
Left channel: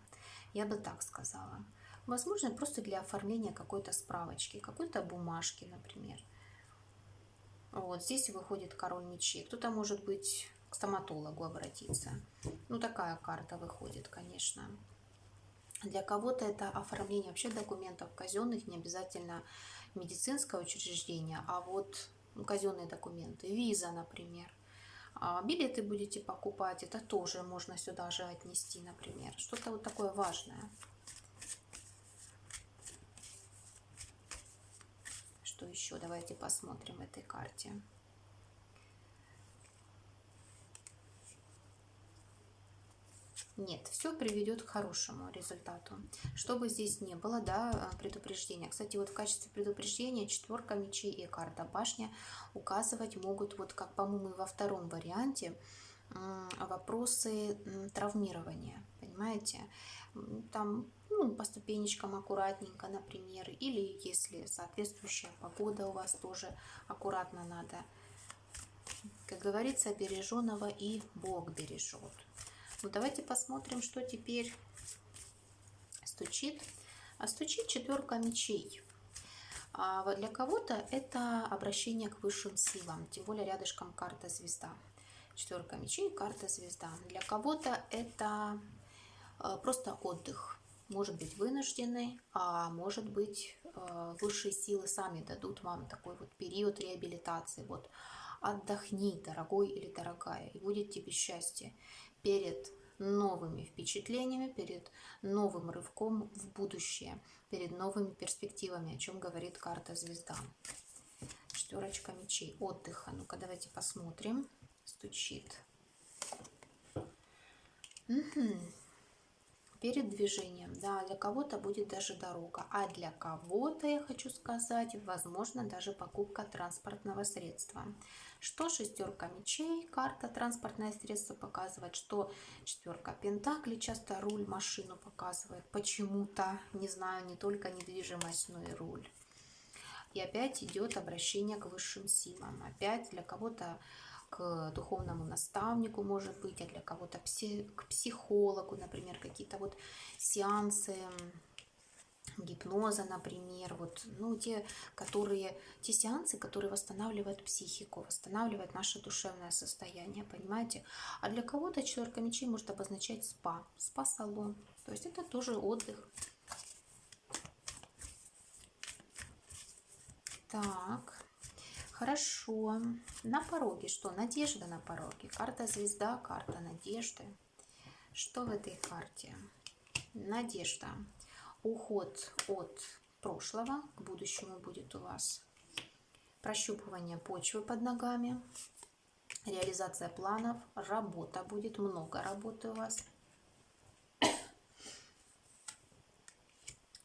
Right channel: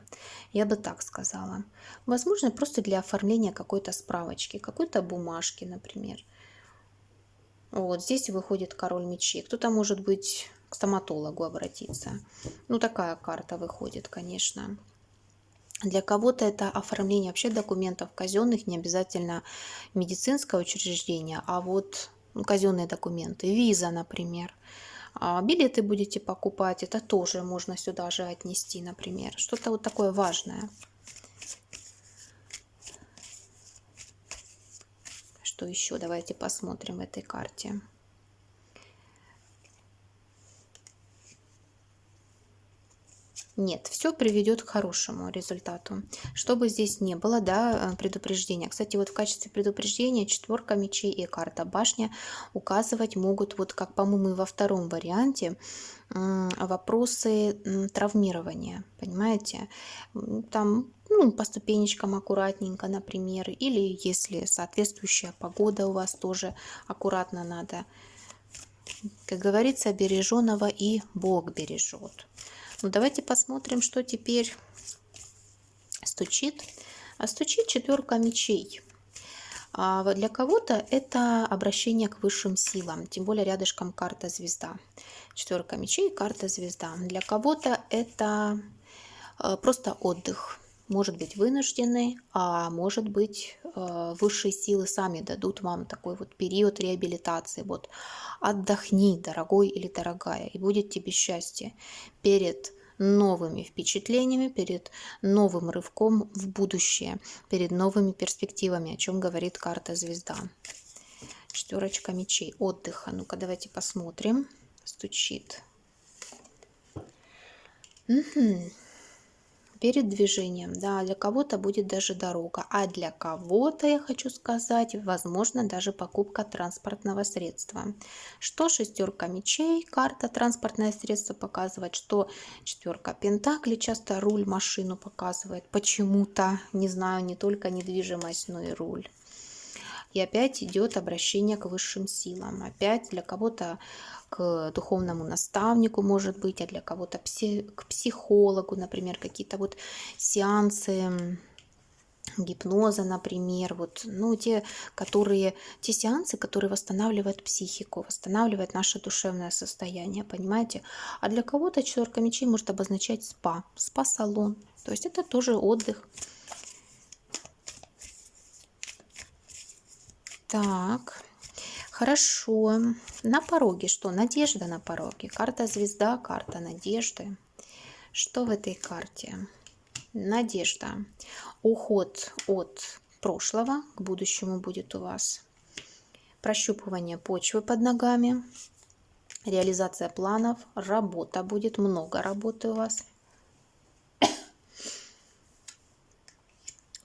Я бы так сказала. Возможно, просто для оформления какой-то справочки, какой-то бумажки, например. Вот здесь выходит король мечей. Кто-то, может быть, к стоматологу обратиться. Ну, такая карта выходит, конечно. Для кого-то это оформление вообще документов казенных, не обязательно медицинское учреждение, а вот казенные документы, виза, например. Билеты будете покупать, это тоже можно сюда же отнести, например. Что-то вот такое важное. Что еще? Давайте посмотрим в этой карте. Нет, все приведет к хорошему результату. Что бы здесь не было, да, предупреждения. Кстати, вот в качестве предупреждения четверка мечей и карта башня указывать могут, вот как, по-моему, и во втором варианте, вопросы травмирования, понимаете? Там, ну, по ступенечкам аккуратненько, например, или если соответствующая погода у вас тоже аккуратно надо. Как говорится, береженого и Бог бережет. Ну, давайте посмотрим, что теперь стучит. Стучит четверка мечей. Для кого-то это обращение к высшим силам, тем более рядышком карта звезда. Четверка мечей, карта звезда. Для кого-то это просто отдых. Может быть вынужденный, а может быть высшие силы сами дадут вам такой вот период реабилитации. Вот отдохни, дорогой или дорогая, и будет тебе счастье перед новыми впечатлениями, перед новым рывком в будущее, перед новыми перспективами, о чем говорит карта звезда. Четверочка мечей, отдыха. Ну-ка, давайте посмотрим. Стучит. Перед движением, да, для кого-то будет даже дорога, а для кого-то, я хочу сказать, возможно, даже покупка транспортного средства. Что шестерка мечей, карта транспортное средство показывает, что четверка пентаклей часто руль, машину показывает, почему-то, не знаю, не только недвижимость, но и руль. И опять идет обращение к высшим силам, опять для кого-то к духовному наставнику, может быть, а для кого-то к психологу, например, какие-то вот сеансы гипноза, например, вот, ну, те сеансы, которые восстанавливают психику, восстанавливают наше душевное состояние, понимаете? А для кого-то четверка мечей может обозначать спа-салон, то есть это тоже отдых. Так. Хорошо. На пороге что? Надежда на пороге. Карта звезда, карта надежды. Что в этой карте? Надежда. Уход от прошлого к будущему будет у вас. Прощупывание почвы под ногами. Реализация планов. Работа будет. Много работы у вас.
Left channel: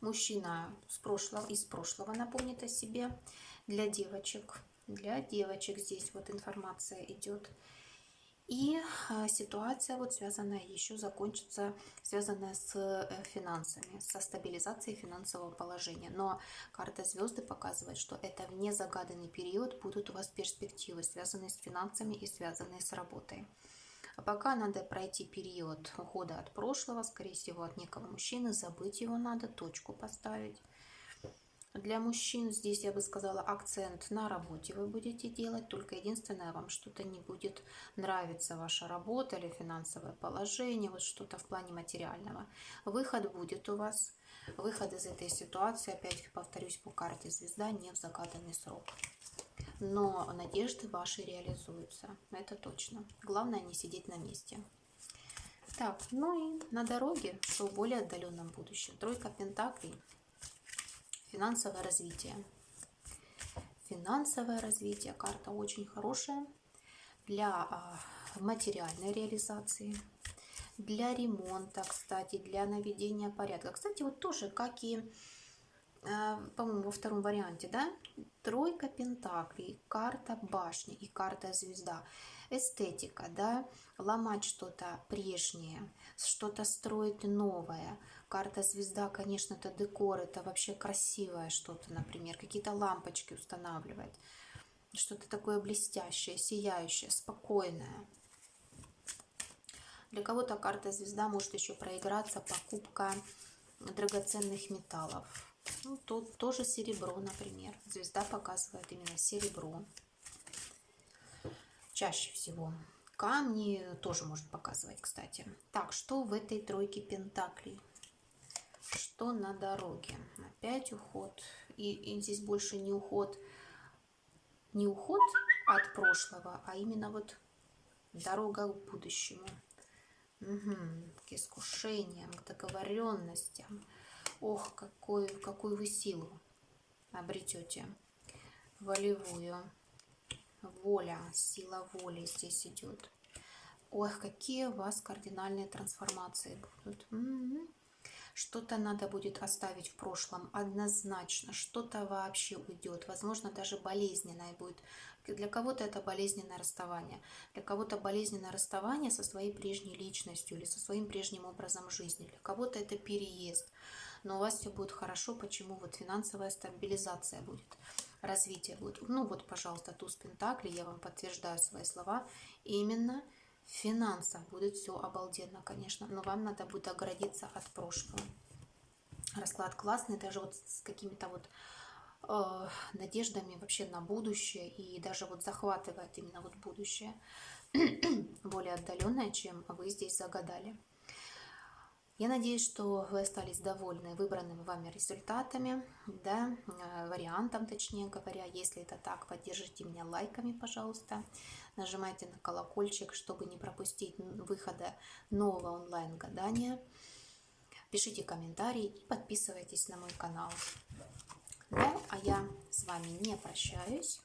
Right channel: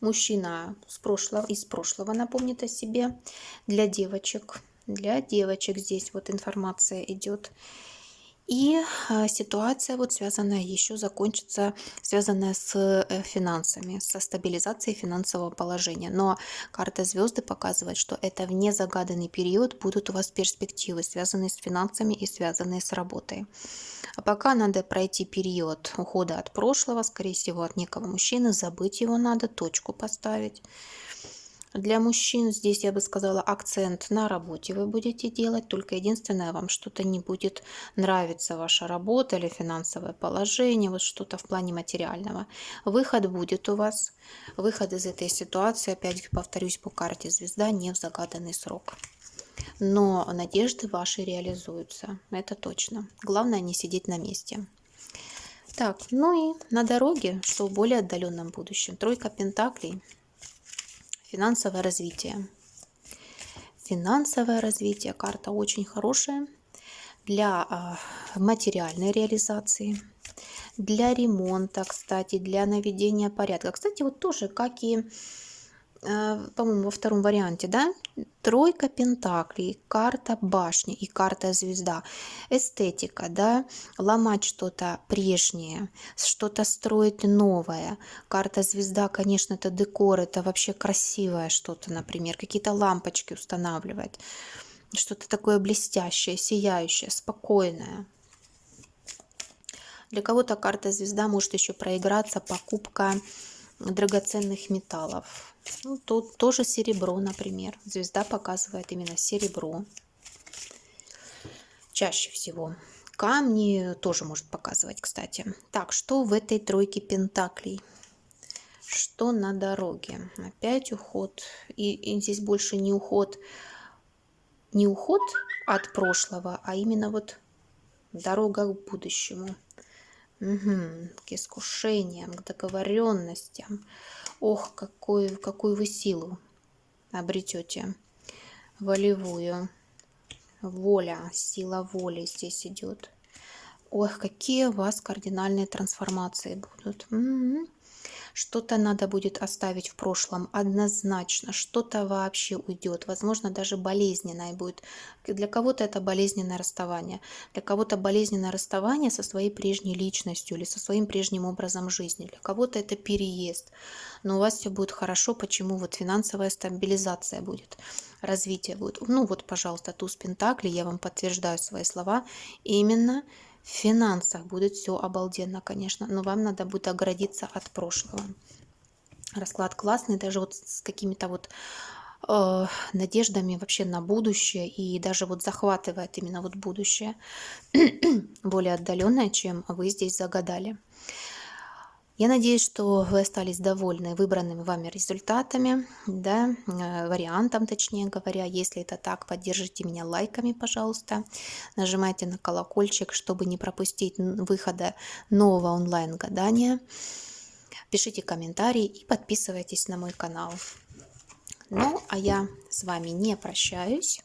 Мужчина из прошлого напомнит о себе. Для девочек здесь вот информация идет. И ситуация вот связанная еще закончится, связанная с финансами, со стабилизацией финансового положения. Но карта звезды показывает, что это в незагаданный период будут у вас перспективы, связанные с финансами и связанные с работой. А пока надо пройти период ухода от прошлого, скорее всего, от некого мужчины, забыть его надо, точку поставить. Для мужчин здесь, я бы сказала, акцент на работе вы будете делать, только единственное, вам что-то не будет нравиться, ваша работа или финансовое положение, вот что-то в плане материального. Выход будет у вас, выход из этой ситуации, опять повторюсь, по карте звезда, не в загаданный срок. Но надежды ваши реализуются, это точно. Главное не сидеть на месте. Так, ну и на дороге, что в более отдаленном будущем. Тройка пентаклей. Финансовое развитие. Финансовое развитие. Карта очень хорошая для материальной реализации, для ремонта, кстати, для наведения порядка. Кстати, вот тоже, как и по-моему, во втором варианте, да? Тройка пентаклей, карта башни и карта звезда. Эстетика, да? Ломать что-то прежнее, что-то строить новое. Карта звезда, конечно, это декор, это вообще красивое что-то, например, какие-то лампочки устанавливать. Что-то такое блестящее, сияющее, спокойное. Для кого-то карта звезда может еще проиграться покупка драгоценных металлов. Ну, тут тоже серебро, например. Звезда показывает именно серебро. Чаще всего. Камни тоже может показывать, кстати. Так, что в этой тройке пентаклей? Что на дороге? Опять уход. И здесь больше не уход от прошлого, а именно вот дорога к будущему. К искушениям, к договоренностям. Ох, какую вы силу обретете волевую. Воля, сила воли здесь идет. Ох, какие у вас кардинальные трансформации будут. Что-то надо будет оставить в прошлом однозначно, что-то вообще уйдет, возможно, даже болезненное будет. Для кого-то это болезненное расставание, для кого-то болезненное расставание со своей прежней личностью или со своим прежним образом жизни, для кого-то это переезд. Но у вас все будет хорошо, почему? Вот финансовая стабилизация будет, развитие будет. Ну вот, пожалуйста, туз пентаклей, я вам подтверждаю свои слова, именно в финансах будет все обалденно, конечно, но вам надо будет оградиться от прошлого. Расклад классный, даже вот с какими-то вот надеждами вообще на будущее, и даже вот захватывает именно вот будущее более отдаленное, чем вы здесь загадали. Я надеюсь, что вы остались довольны выбранными вами результатами, да, вариантом, точнее говоря. Если это так, поддержите меня лайками, пожалуйста. Нажимайте на колокольчик, чтобы не пропустить выхода нового онлайн-гадания. Пишите комментарии и подписывайтесь на мой канал. Ну, а я с вами не прощаюсь.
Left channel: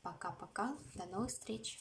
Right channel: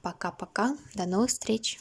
Пока-пока. До новых встреч.